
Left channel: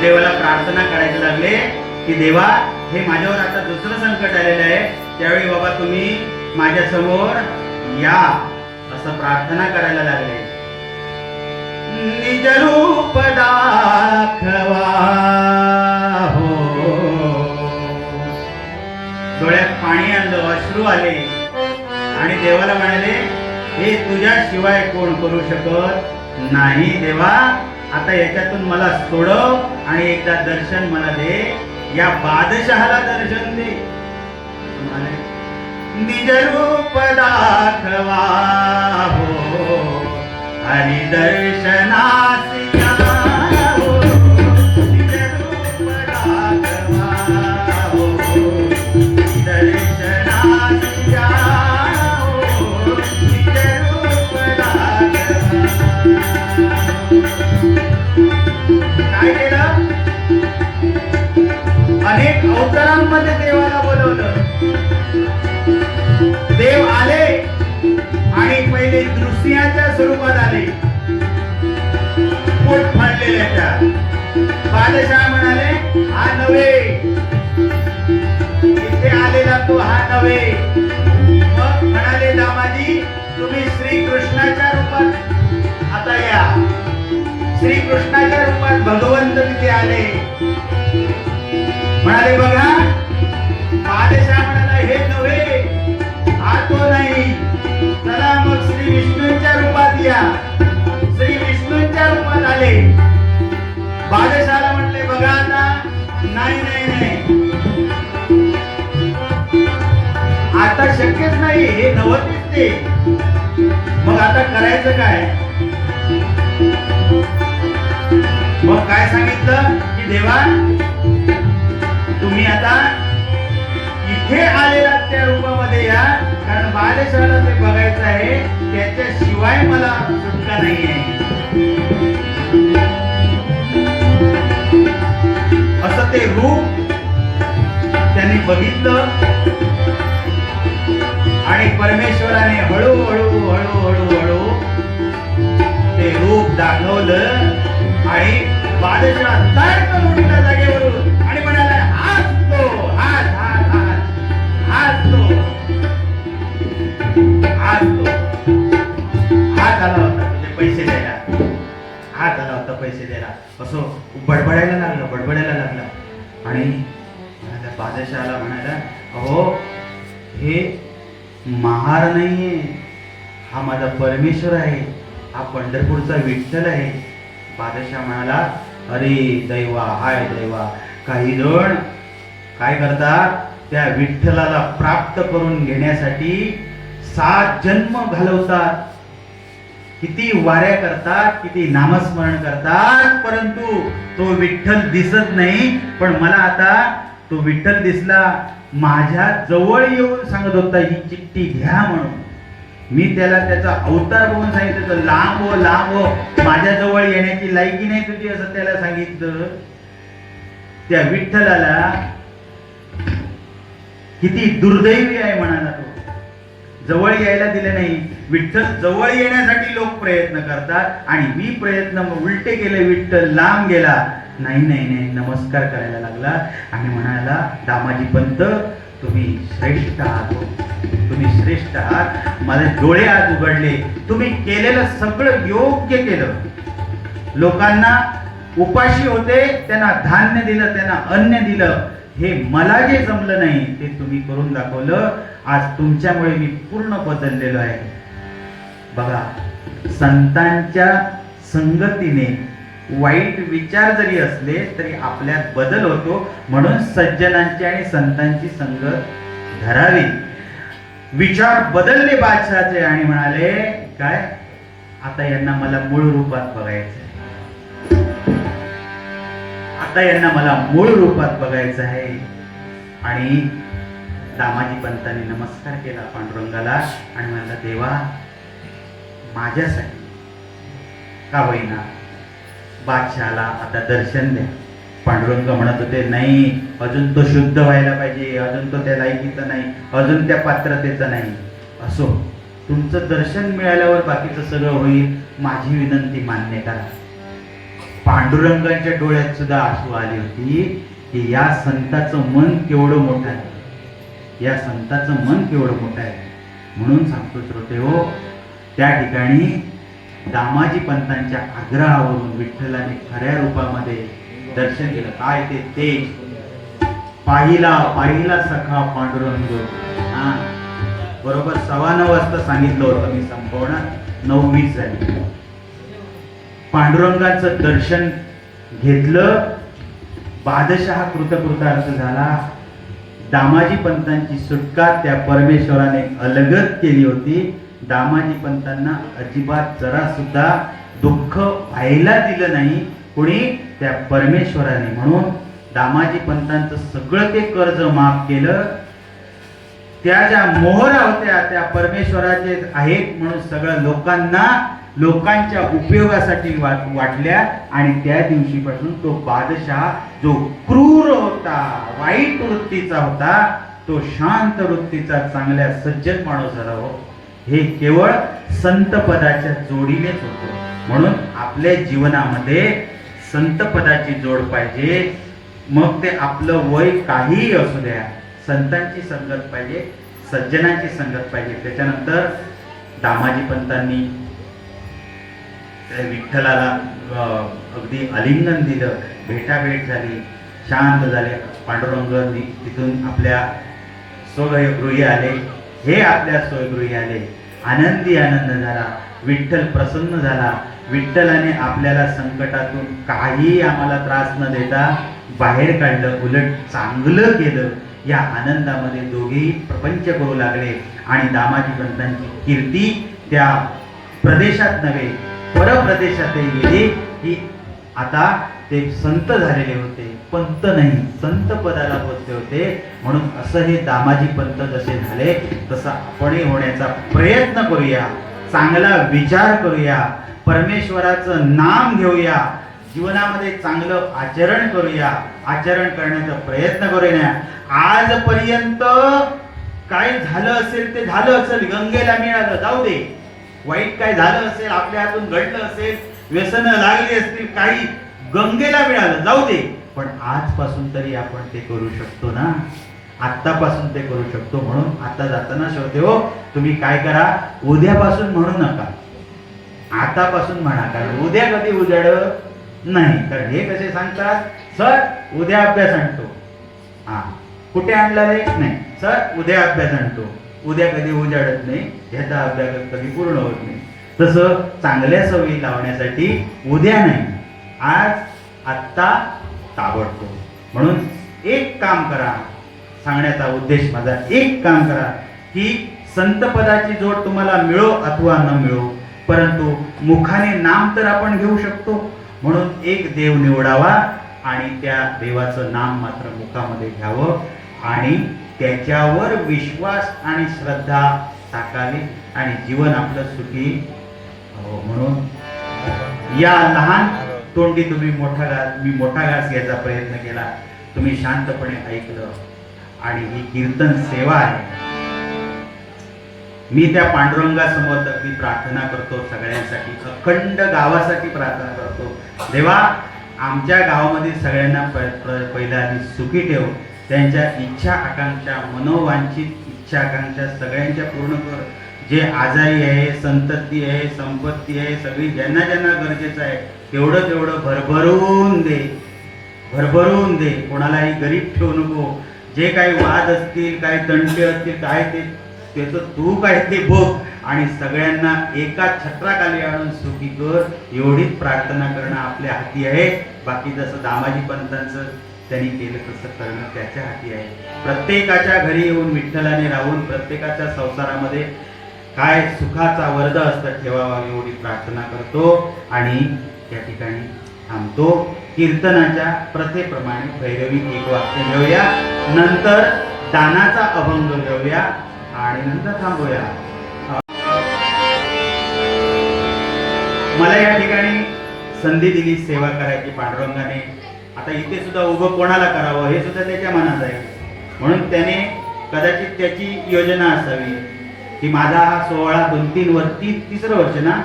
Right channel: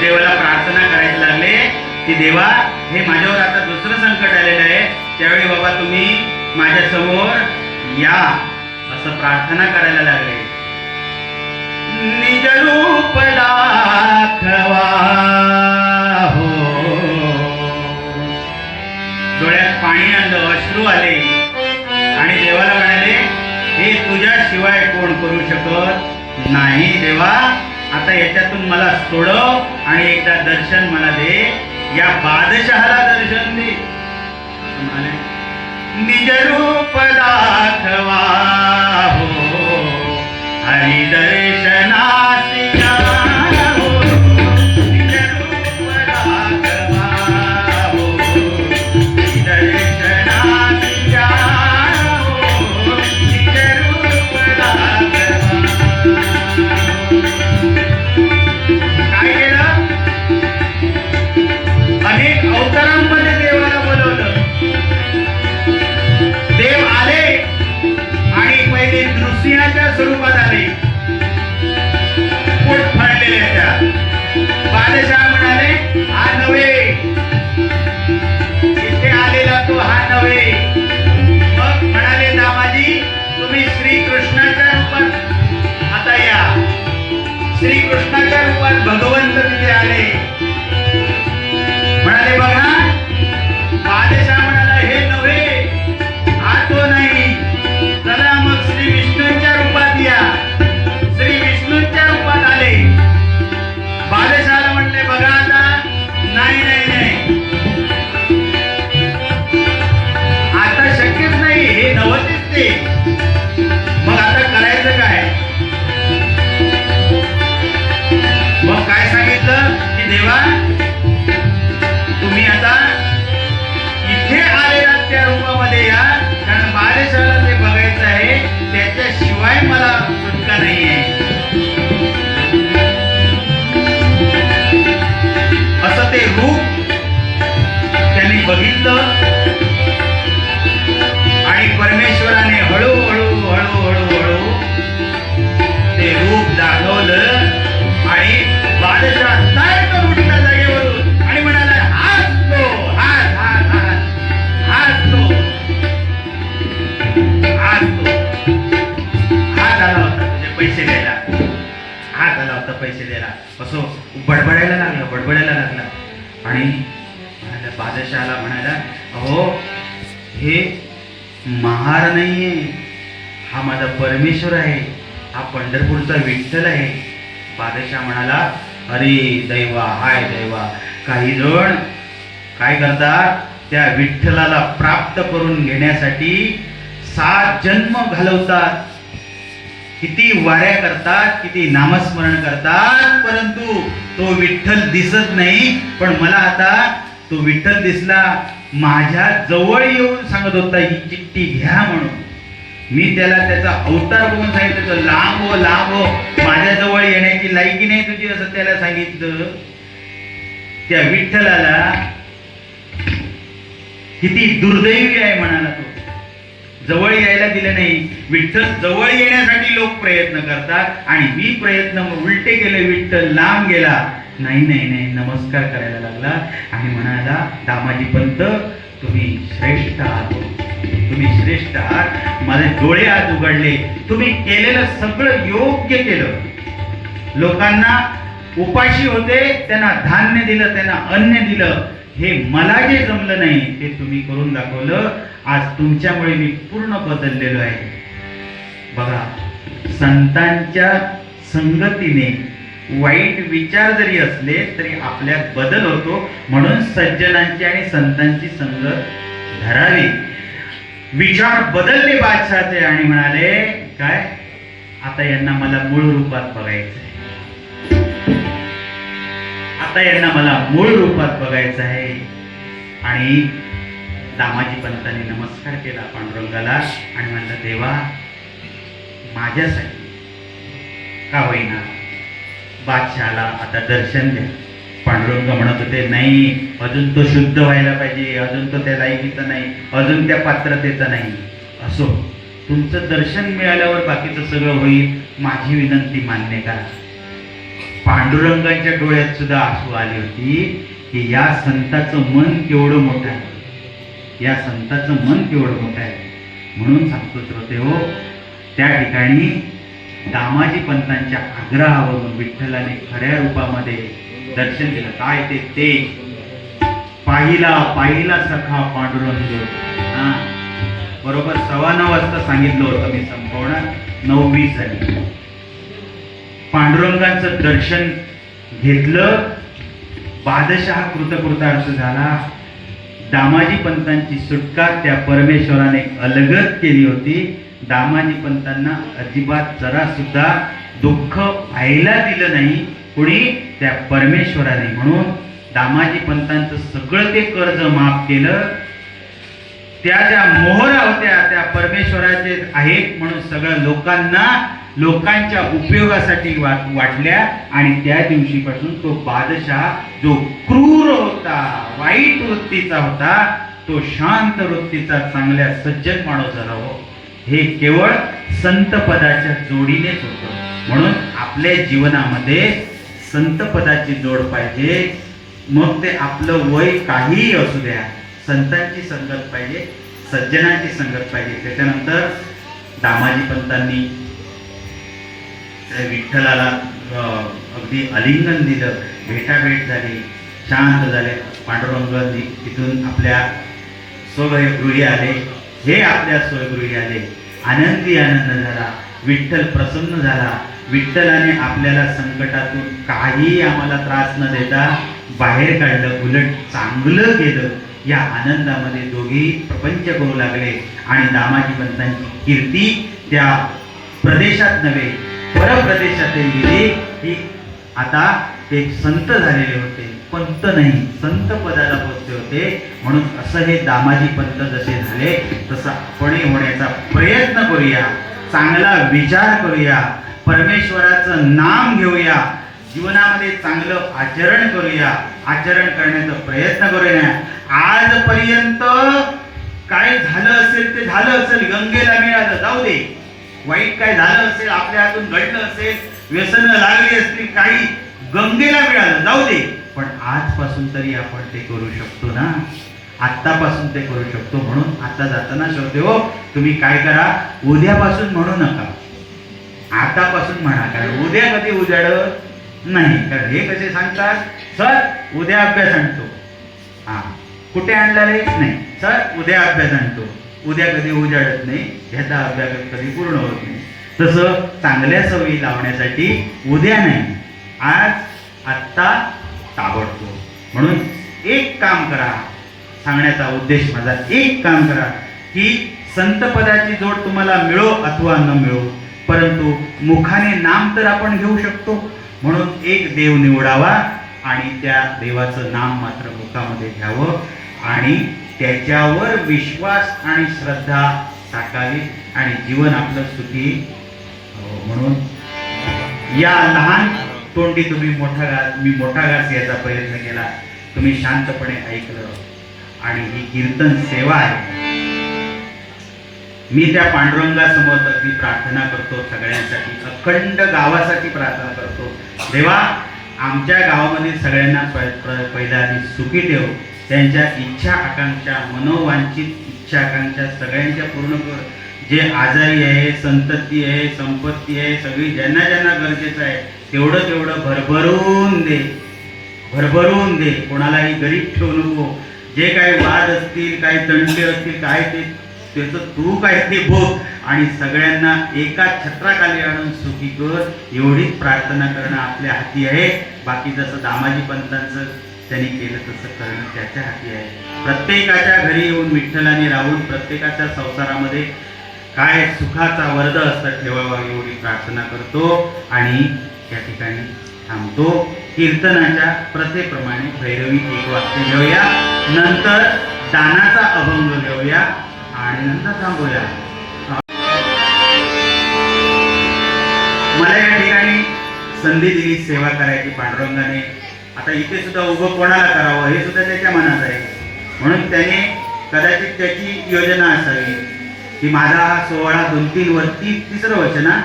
देवाला प्रार्थना करायला लागले की देवा, हे माझ्यावर आता दुसरं संकट आलेलं आहे, त्यावेळी बाबा तुम्ही माझ्या समोर या, असं प्रार्थना करायला लागले. निज रूप दाखवा हो, डोळ्यात पाणी आलं, अश्रू आले, आणि देवाला म्हणाले, हे तुझ्याशिवाय कोण करू शकत नाही देवा, आता याच्यातून मला सोडव आणि एकदा दर्शन मला दे, या बादशहाला दर्शन दे. निज रूप दाखवा हो, हरी दर्शनास या हो, निज रूप दाखवा हो, दर्शनास या हो, निज रूप दाखवा. काय केलं? अनेक अवतारांमध्ये देवाला बोलवलं. देव आले आणि पहिले नृसिंहाच्या स्वरूपात आले, पोट फाडलेले त्या. बादशाह म्हणाले, हा नव्हे, इथे आलेला तो हा नव्हे. मग म्हणाले, दामाजी तुम्ही श्रीकृष्णाच्या रूपात आता या. श्रीकृष्णाच्या रूपात भगवंत तिथे आले. म्हणाले, बघा, बादशाह म्हणाला, हे नव्हे, हा तो नाही, चला मग श्री विष्णूंच्या रूपात या. श्री विष्णूंच्या रूपात आले. बादशाहाला म्हटले, बघा आता, नाही नाही नाही, आता शक्यच नाही, हे नव्हतेच ते. मग आता करायचं काय? मग काय सांगितलं की देवा, तुम्ही आता इथे आलेला त्या रूपामध्ये या, कारण बादशाहाला ते बघायचं आहे, त्याच्याशिवाय मला सुटका नाहीये. असं ते रूप त्यांनी बघितलं, आणि परमेश्वराने हळूहळू हळूहळू हळू ते रूप दाखवलं. आणि बादशाह ताडकन उठला जागेवरून आणि म्हणाला, हात तो, हात हात हात हात तो, हात तो. हात आला होता तुझे पैसे द्यायला, हात आला होता पैसे द्यायला. असं बडबडायला लागला. आणि म्हणाला, बादशाहाला म्हणाला, अहो हे महार नाहीये, हा माझा परमेश्वर आहे, हा पंढरपूरचा विठ्ठल आहे. बादशाह म्हणाला, अरे दैवा, हाय दैवा, काही जण काय करतात, त्या विठ्ठलाला प्राप्त करून घेण्यासाठी 7 जन्म घालवतात, किती वाऱ्या करतात, किती नामस्मरण करतात, परंतु तो विठ्ठल दिसत नाही. पण मला आता तो विठ्ठल दिसला, माझ्या जवळ येऊन सांगत होता, ही चिठ्ठी घ्या म्हणून. मी त्याला त्याचा अवतार बघून सांगितलं, लांब हो लांब हो, माझ्या जवळ येण्याची लायकी नाही तुझी, असं त्याला सांगितलं. त्या विठ्ठलाला किती दुर्दैवी आहे म्हणाला तो, जवळ यायला दिलं नाही. विठ्ठल जवळ येण्यासाठी लोक प्रयत्न करतात, आणि मी प्रयत्न उलटे केले, विठ्ठल लांब गेला. नाही नाही नाही, नमस्कार करायला लागला आणि म्हणाला, दामाजी पंत तुम्ही श्रेष्ठ आहात, तुम्ही श्रेष्ठ आहात, माझे डोळे आज उघडले, तुम्ही केलेलं सगळं योग्य केलं, लोकांना उपाशी होते, त्यांना धान्य दिलं, त्यांना अन्न दिलं. हे मला जे जमलं नाही ते तुम्ही करून दाखवलं. आज तुमच्यामुळे मी पूर्ण बदललेलो आहे. बघा, संतांच्या संगतीने वाईट विचार जरी असले तरी आपल्यात बदल होतो. म्हणून सज्जनांची आणि संतांची संगत धरावी. विचार बदलले बादशहाचे आणि म्हणाले, काय आता यांना मला मूळ रूपात बघायचंय. आता यांना मला मूळ रूपात बघायचं आहे. आणि दामाजी पंतांनी नमस्कार केला पांडुरंगाला आणि म्हणला, देवा माझ्यासाठी का होईना बादशहाला आता दर्शन द्या. पांडुरंग म्हणत होते, नाही, अजून तो शुद्ध व्हायला पाहिजे, अजून तो त्या लायकीचा नाही, अजून त्या पात्रतेचा नाही. असो, तुमचं दर्शन मिळाल्यावर बाकीचं सगळं होईल. माझी विनंती मान्य करा. पांडुरंगाच्या डोळ्यात सुद्धा आसू आली होती की या संताचं मन केवढं मोठं आहे, या संताचं मन केवढं मोठं आहे. म्हणून सांगतो श्रोतेहो, त्या ठिकाणी दामाजी पंतांच्या आग्रहावरून विठ्ठलाने खऱ्या रूपामध्ये दर्शन दिलं. काय ते तेज पाहिला पाहिला सखा पांडुरंग. बरोबर 9:15 वाजता सांगितलं होतं मी, संपवणार 9:20 झाली. पांडुरंगाचं दर्शन घेतलं, बादशाह कृतकृतार्थ झाला. दामाजी पंतांची सुटका त्या परमेश्वराने अलगद केली होती. दामाजी पंतांना अजिबात जरा सुद्धा दुःख व्हायला दिलं नाही कोणी, त्या परमेश्वराने. म्हणून दामाजी पंतांचं सगळं ते कर्ज माफ केलं. त्या ज्या मोहरा होत्या त्या परमेश्वराचे आहेत म्हणून सगळं लोकांच्या उपयोगासाठी वाटल्या. आणि त्या दिवशीपासून तो बादशाह जो क्रूर होता, वाईट वृत्तीचा होता, तो शांत वृत्तीचा, चांगल्या सज्जन माणूस झाला. हो, हे केवळ संत पदाच्या जोडीनेच होतं. म्हणून आपल्या जीवनामध्ये संत पदाची जोड पाहिजे. मग ते आपलं वय काहीही असू द्या, संतांची संगत पाहिजे, सज्जनाची संगत पाहिजे. त्याच्यानंतर दामाजी पंतांनी विठ्ठलाला अगदी आलिंगन दिलं, भेटाभेट झाली, शांत झाले. पांडुरंग तिथून आपल्या स्वगृही आले, हे आपल्या स्वगृही आले. आनंदी आनंद झाला, विठ्ठल प्रसन्न झाला. विठ्ठलाने आपल्याला संकटातून काही आम्हाला त्रास न देता बाहेर काढलं, उलट चांगलं केलं. या आनंदामध्ये दोघेही प्रपंच करू लागले. आणि दामाजी पंतांची कीर्ती त्या प्रदेशात नव्हे परप्रदेशातही गेली की आता ते संत झालेले होते. पंत नाही, संत पदाला पोचले होते. म्हणून असं हे दामाजी पंत जसे झाले तसं आपणही होण्याचा प्रयत्न करूया. चांगला विचार करूया, परमेश्वराचं नाम घेऊया, जीवनामध्ये चांगलं आचरण करूया, आचरण करण्याचा प्रयत्न करूया. आजपर्यंत काय झालं असेल ते झालं असेल, गंगेला मिळालं, जाऊ दे. वाईट काय झालं असेल, आपल्या हातून घडलं असेल, व्यसनं लागली असतील, काही गंगेला मिळालं, जाऊ दे. पण आजपासून तरी आपण ते करू शकतो ना, आत्तापासून ते करू शकतो. म्हणून आता जाताना श्रोते हो, तुम्ही काय करा, उद्यापासून म्हणू नका, आतापासून म्हणा. कारण उद्या कधी उजाड नाही. कारण हे कसे सांगतात, सर उद्या अभ्यास आणतो, हा कुठे आणला रे, नाही सर उद्या अभ्यास आणतो. उद्या कधी उजाडत नाही, ह्याचा अभ्यास कधी पूर्ण होत नाही. तसं चांगल्या सवयी लावण्यासाठी उद्या नाही, आज, आत्ता, ताबडतोब. म्हणून एक काम करा, सांगण्याचा उद्देश माझा, एक काम करा की संत पदाची जोड तुम्हाला मिळो अथवा न मिळो, परंतु मुखाने नाम तर आपण घेऊ शकतो. म्हणून एक देव निवडावा आणि त्या देवाचं नाम मात्र मुखामध्ये घ्यावं आणि त्याच्यावर विश्वास आणि श्रद्धा टाकावी आणि जीवन आपलं सुखी. म्हणून या लहान तोंडी तुम्ही मी मोठा घास यायचा प्रयत्न केला, तुम्ही शांतपणे ऐकलं. आणि ही कीर्तन सेवा आहे. मी त्या पांडुरंगासमोर अगदी प्रार्थना करतो, सगळ्यांसाठी, अखंड गावासाठी प्रार्थना करतो. देवा, आमच्या गावामध्ये सगळ्यांना पहिला सुखी ठेव. त्यांच्या इच्छा आकांक्षा, मनोवांछित इच्छा आकांक्षा सगळ्यांच्या पूर्ण कर. जे आजारी आहे, संतती आहे, संपत्ती आहे, सगळी ज्यांना ज्यांना गरजेचं आहे तेवढं तेवढं भरभरून दे, भरभरून दे. कोणालाही गरीब ठेवू नको. जे काही वाद असतील, काही तंटे असतील, काय ते त्याचं तू काय ते भोग आणि सगळ्यांना एका छत्राखाली आणून सुखी कर, एवढीच प्रार्थना करणं आपल्या हाती आहे. बाकी जसं दामाजी पंतांचं त्यांनी केलं तसं करणं त्याच्या हाती आहे. प्रत्येकाच्या घरी येऊन विठ्ठलाने राहून प्रत्येकाच्या संसारामध्ये काय सुखाचा वर्ध असतं ठेवावा एवढी प्रार्थना करतो आणि त्या ठिकाणी थांबतो. कीर्तनाच्या प्रथेप्रमाणे भैरवी एक वाक्य घेऊया, नंतर दानाचा अभंग घेऊया आणि नंतर थांबूया. मला या ठिकाणी संधी दिली सेवा करायची पांडुरंगाने. आता इथे सुद्धा उभं कोणाला करावं हे सुद्धा त्याच्या मनात आहे. म्हणून त्याने कदाचित त्याची योजना असावी की माझा हा सोहळा 2-3 वर्ष, तिसरं वर्ष ना,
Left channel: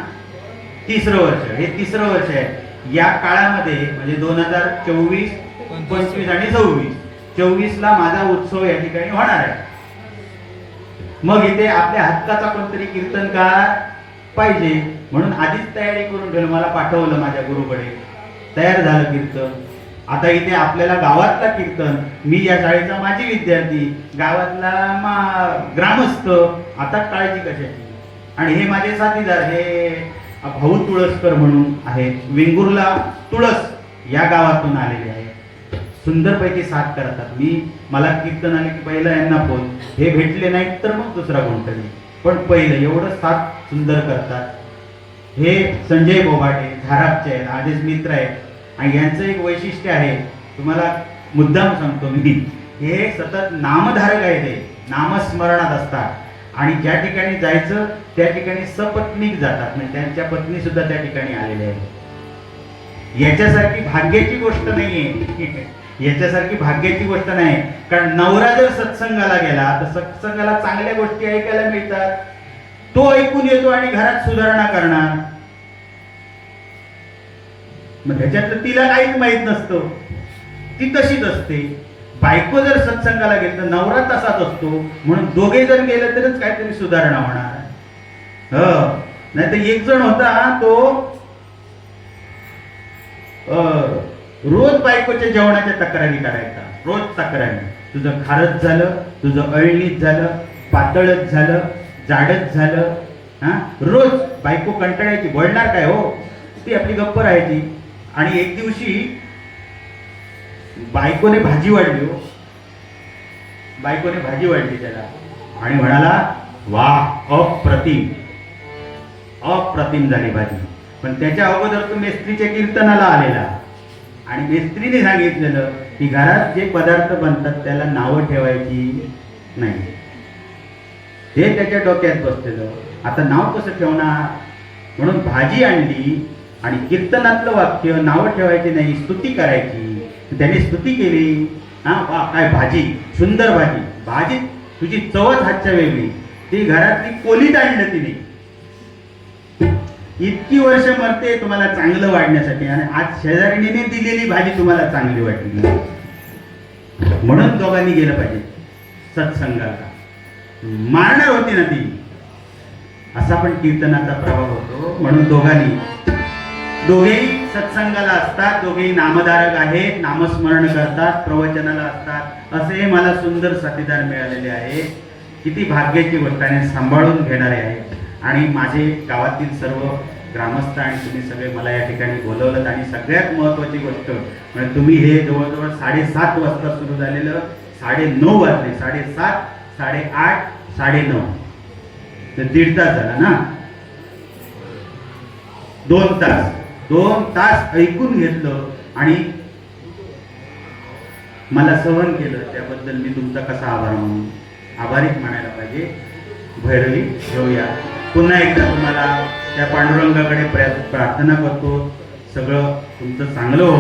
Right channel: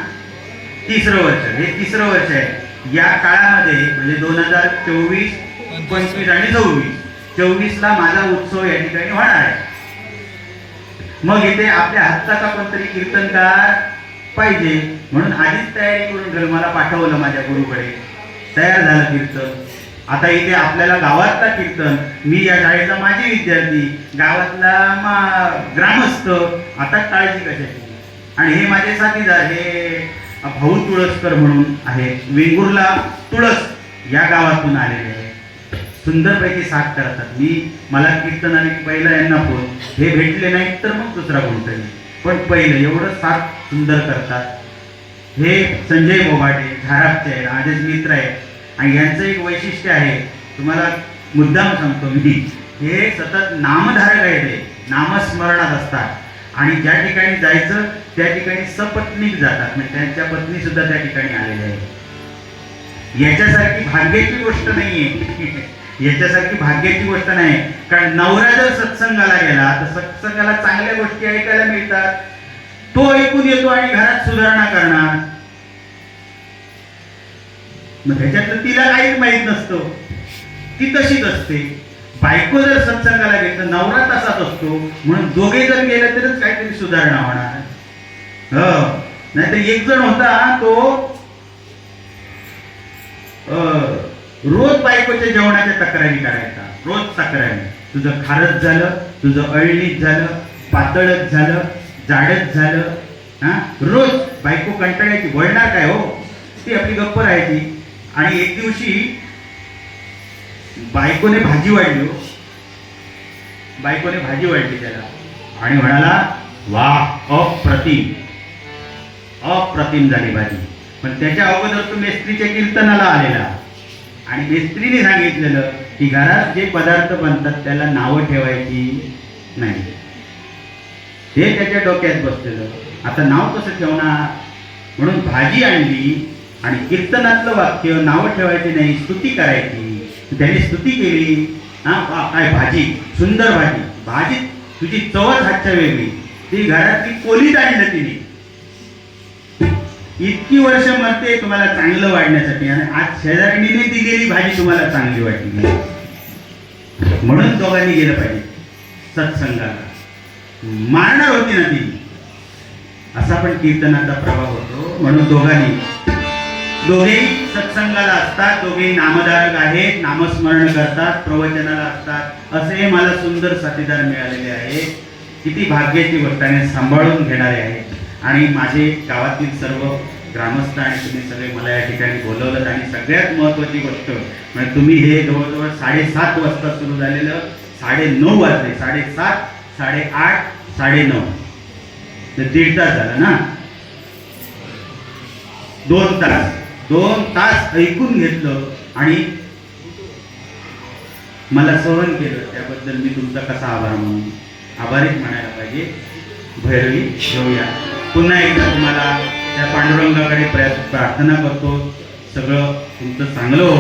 तिसरं वर्ष, हे तिसरं वर्ष आहे. या काळामध्ये म्हणजे 2024, 25 आणि 26 ला माझा उत्सव या ठिकाणी होणार आहे. मग इथे आपल्या हक्काचा कोणतरी कीर्तनकार पाहिजे. म्हणून आधीच तयारी करून मला पाठवलं माझ्या गुरुकडे. तयार झालं कीर्तन. आता इथे आपल्याला गावातला कीर्तन, मी या शाळेचा माजी विद्यार्थी, गावातला ग्रामस्थ, आता काळजी कशाची. आणि हे माझे साथीदार, हे भाऊ तुळसकर म्हणून आहेत, वेंगुर्ला तुळस या गावातून आलेले आहेत. सुंदरपैकी साथ करतात. मला कीर्तन आणि पहिला यांना फोन, हे भेटले नाहीत तर मग दुसरा कोणतरी, पण पहिलं एवढं साथ सुंदर करतात. हे संजय बोभाटे झारापचे आहे, आधीच मित्र आहेत. आणि यांचं एक वैशिष्ट्य आहे, तुम्हाला मुद्दाम सांगतो मी, हे सतत नामधारक आहे, ते नामस्मरणात असतात. आणि ज्या ठिकाणी जायचं त्या ठिकाणी सपत्नीक जातात, म्हणजे त्यांच्या पत्नी सुद्धा त्या ठिकाणी आलेल्या आहेत. याच्यासारखी भाग्याची गोष्ट नाहीये, याच्यासारखी भाग्याची गोष्ट नाही. कारण नवरा जर सत्संगाला गेला तर सत्संगाला चांगल्या गोष्टी ऐकायला मिळतात, तो ऐकून येतो आणि घरात सुधारणा करणार. मग ह्याच्यात तिला काहीच माहित नसतं, ती तशीच असते. बायको जर सत्संगाला गेली तर नवरा तसाच असतो. म्हणून दोघे जर गेले तरच काहीतरी सुधारणा होणार. नाही तर एक जण होता, तो रोज बायकोच्या जेवणाच्या तक्रारी करायचा, रोज तक्रारी. तुझं खारच झालं, तुझं अळणीच झालं, पातळच झालं, जाडच झालं. रोज बायको कंटाळायची, वळणार काय हो, ती आपली गप्प राहायची. आणि एक दिवशी बायकोने भाजी वाढली, बायकोने भाजी वाढली त्याला आणि म्हणाला, वाह अप्रतिम, अप्रतिम झाली भाजी. पण त्याच्या अगोदर तो मेस्त्रीच्या कीर्तनाला आलेला आणि मेस्त्रीने सांगितलेलं की घरात जे पदार्थ बनतात त्याला नावं ठेवायची नाही. हे त्याच्या डोक्यात बसलेलं. आता नाव कसं ठेवणार, म्हणून भाजी आणली आणि कीर्तनातलं वाक्य नावं ठेवायची नाही, स्तुती करायची. त्याने स्तुती केली. काय भाजी, सुंदर भाजी, भाजी तुझी चवच हातच्या वेगळी. ती घरातली कोलीत आणलं तिने. इतकी वर्ष मरते तुम्हाला चांगलं वाढण्यासाठी आणि आज शेजारणीने दिलेली भाजी तुम्हाला चांगली वाटली. म्हणून दोघांनी गेलं पाहिजे सत्संगाला. मारणार होती ना ती. असा पण कीर्तनाचा प्रभाव होतो. म्हणून दोघेही सत्संगाला असतात, दोघेही नामधारक आहेत, नामस्मरण करतात, प्रवचनाला असतात. असे मला सुंदर साथीदार मिळालेले आहेत. किती भाग्याची गोष्ट आहे, सांभाळून घेणारे आहेत. आणि माझे गावातील सर्व ग्रामस्थ आणि तुम्ही सगळे मला या ठिकाणी बोलवलं. आणि सगळ्यात महत्त्वाची गोष्ट म्हणजे तुम्ही हे जवळजवळ 7:30 वाजता सुरू झालेलं 9:30 वाजले, 7:30, 8:30, 9:30 ते 1.5 तास झाला ना. 2 तास ऐकून घेतलं आणि मला सहन केलं. त्याबद्दल मी तुमचा कसा आभार म्हणून, आभारीच म्हणायला पाहिजे. भैरवी घेऊया. पुन्हा एकदा तुम्हाला त्या पांडुरंगाकडे प्रार्थना करतो, सगळं तुमचं चांगलं हो.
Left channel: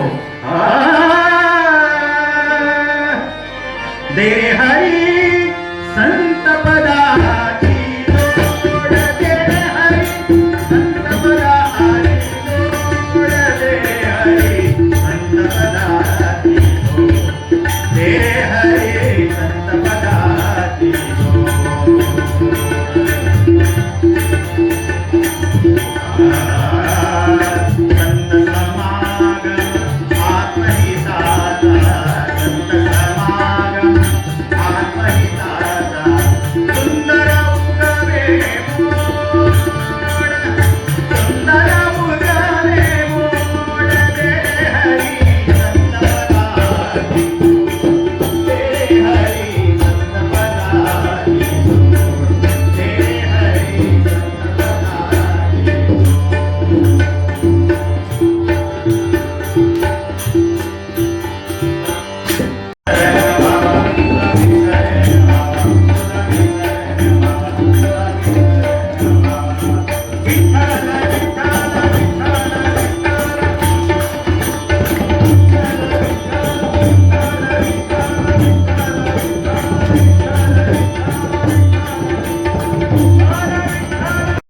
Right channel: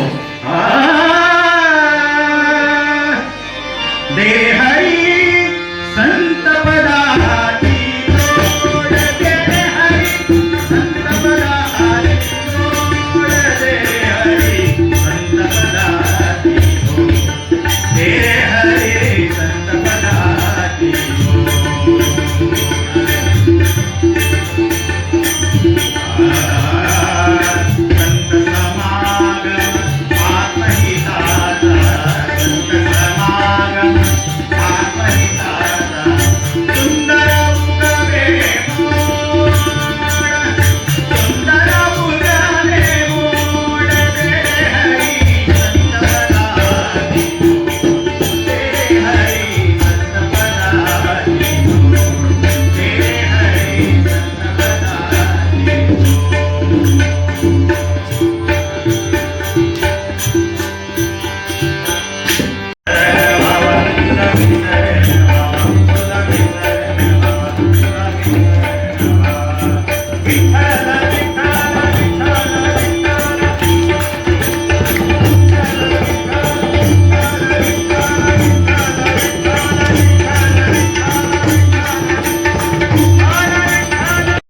देहा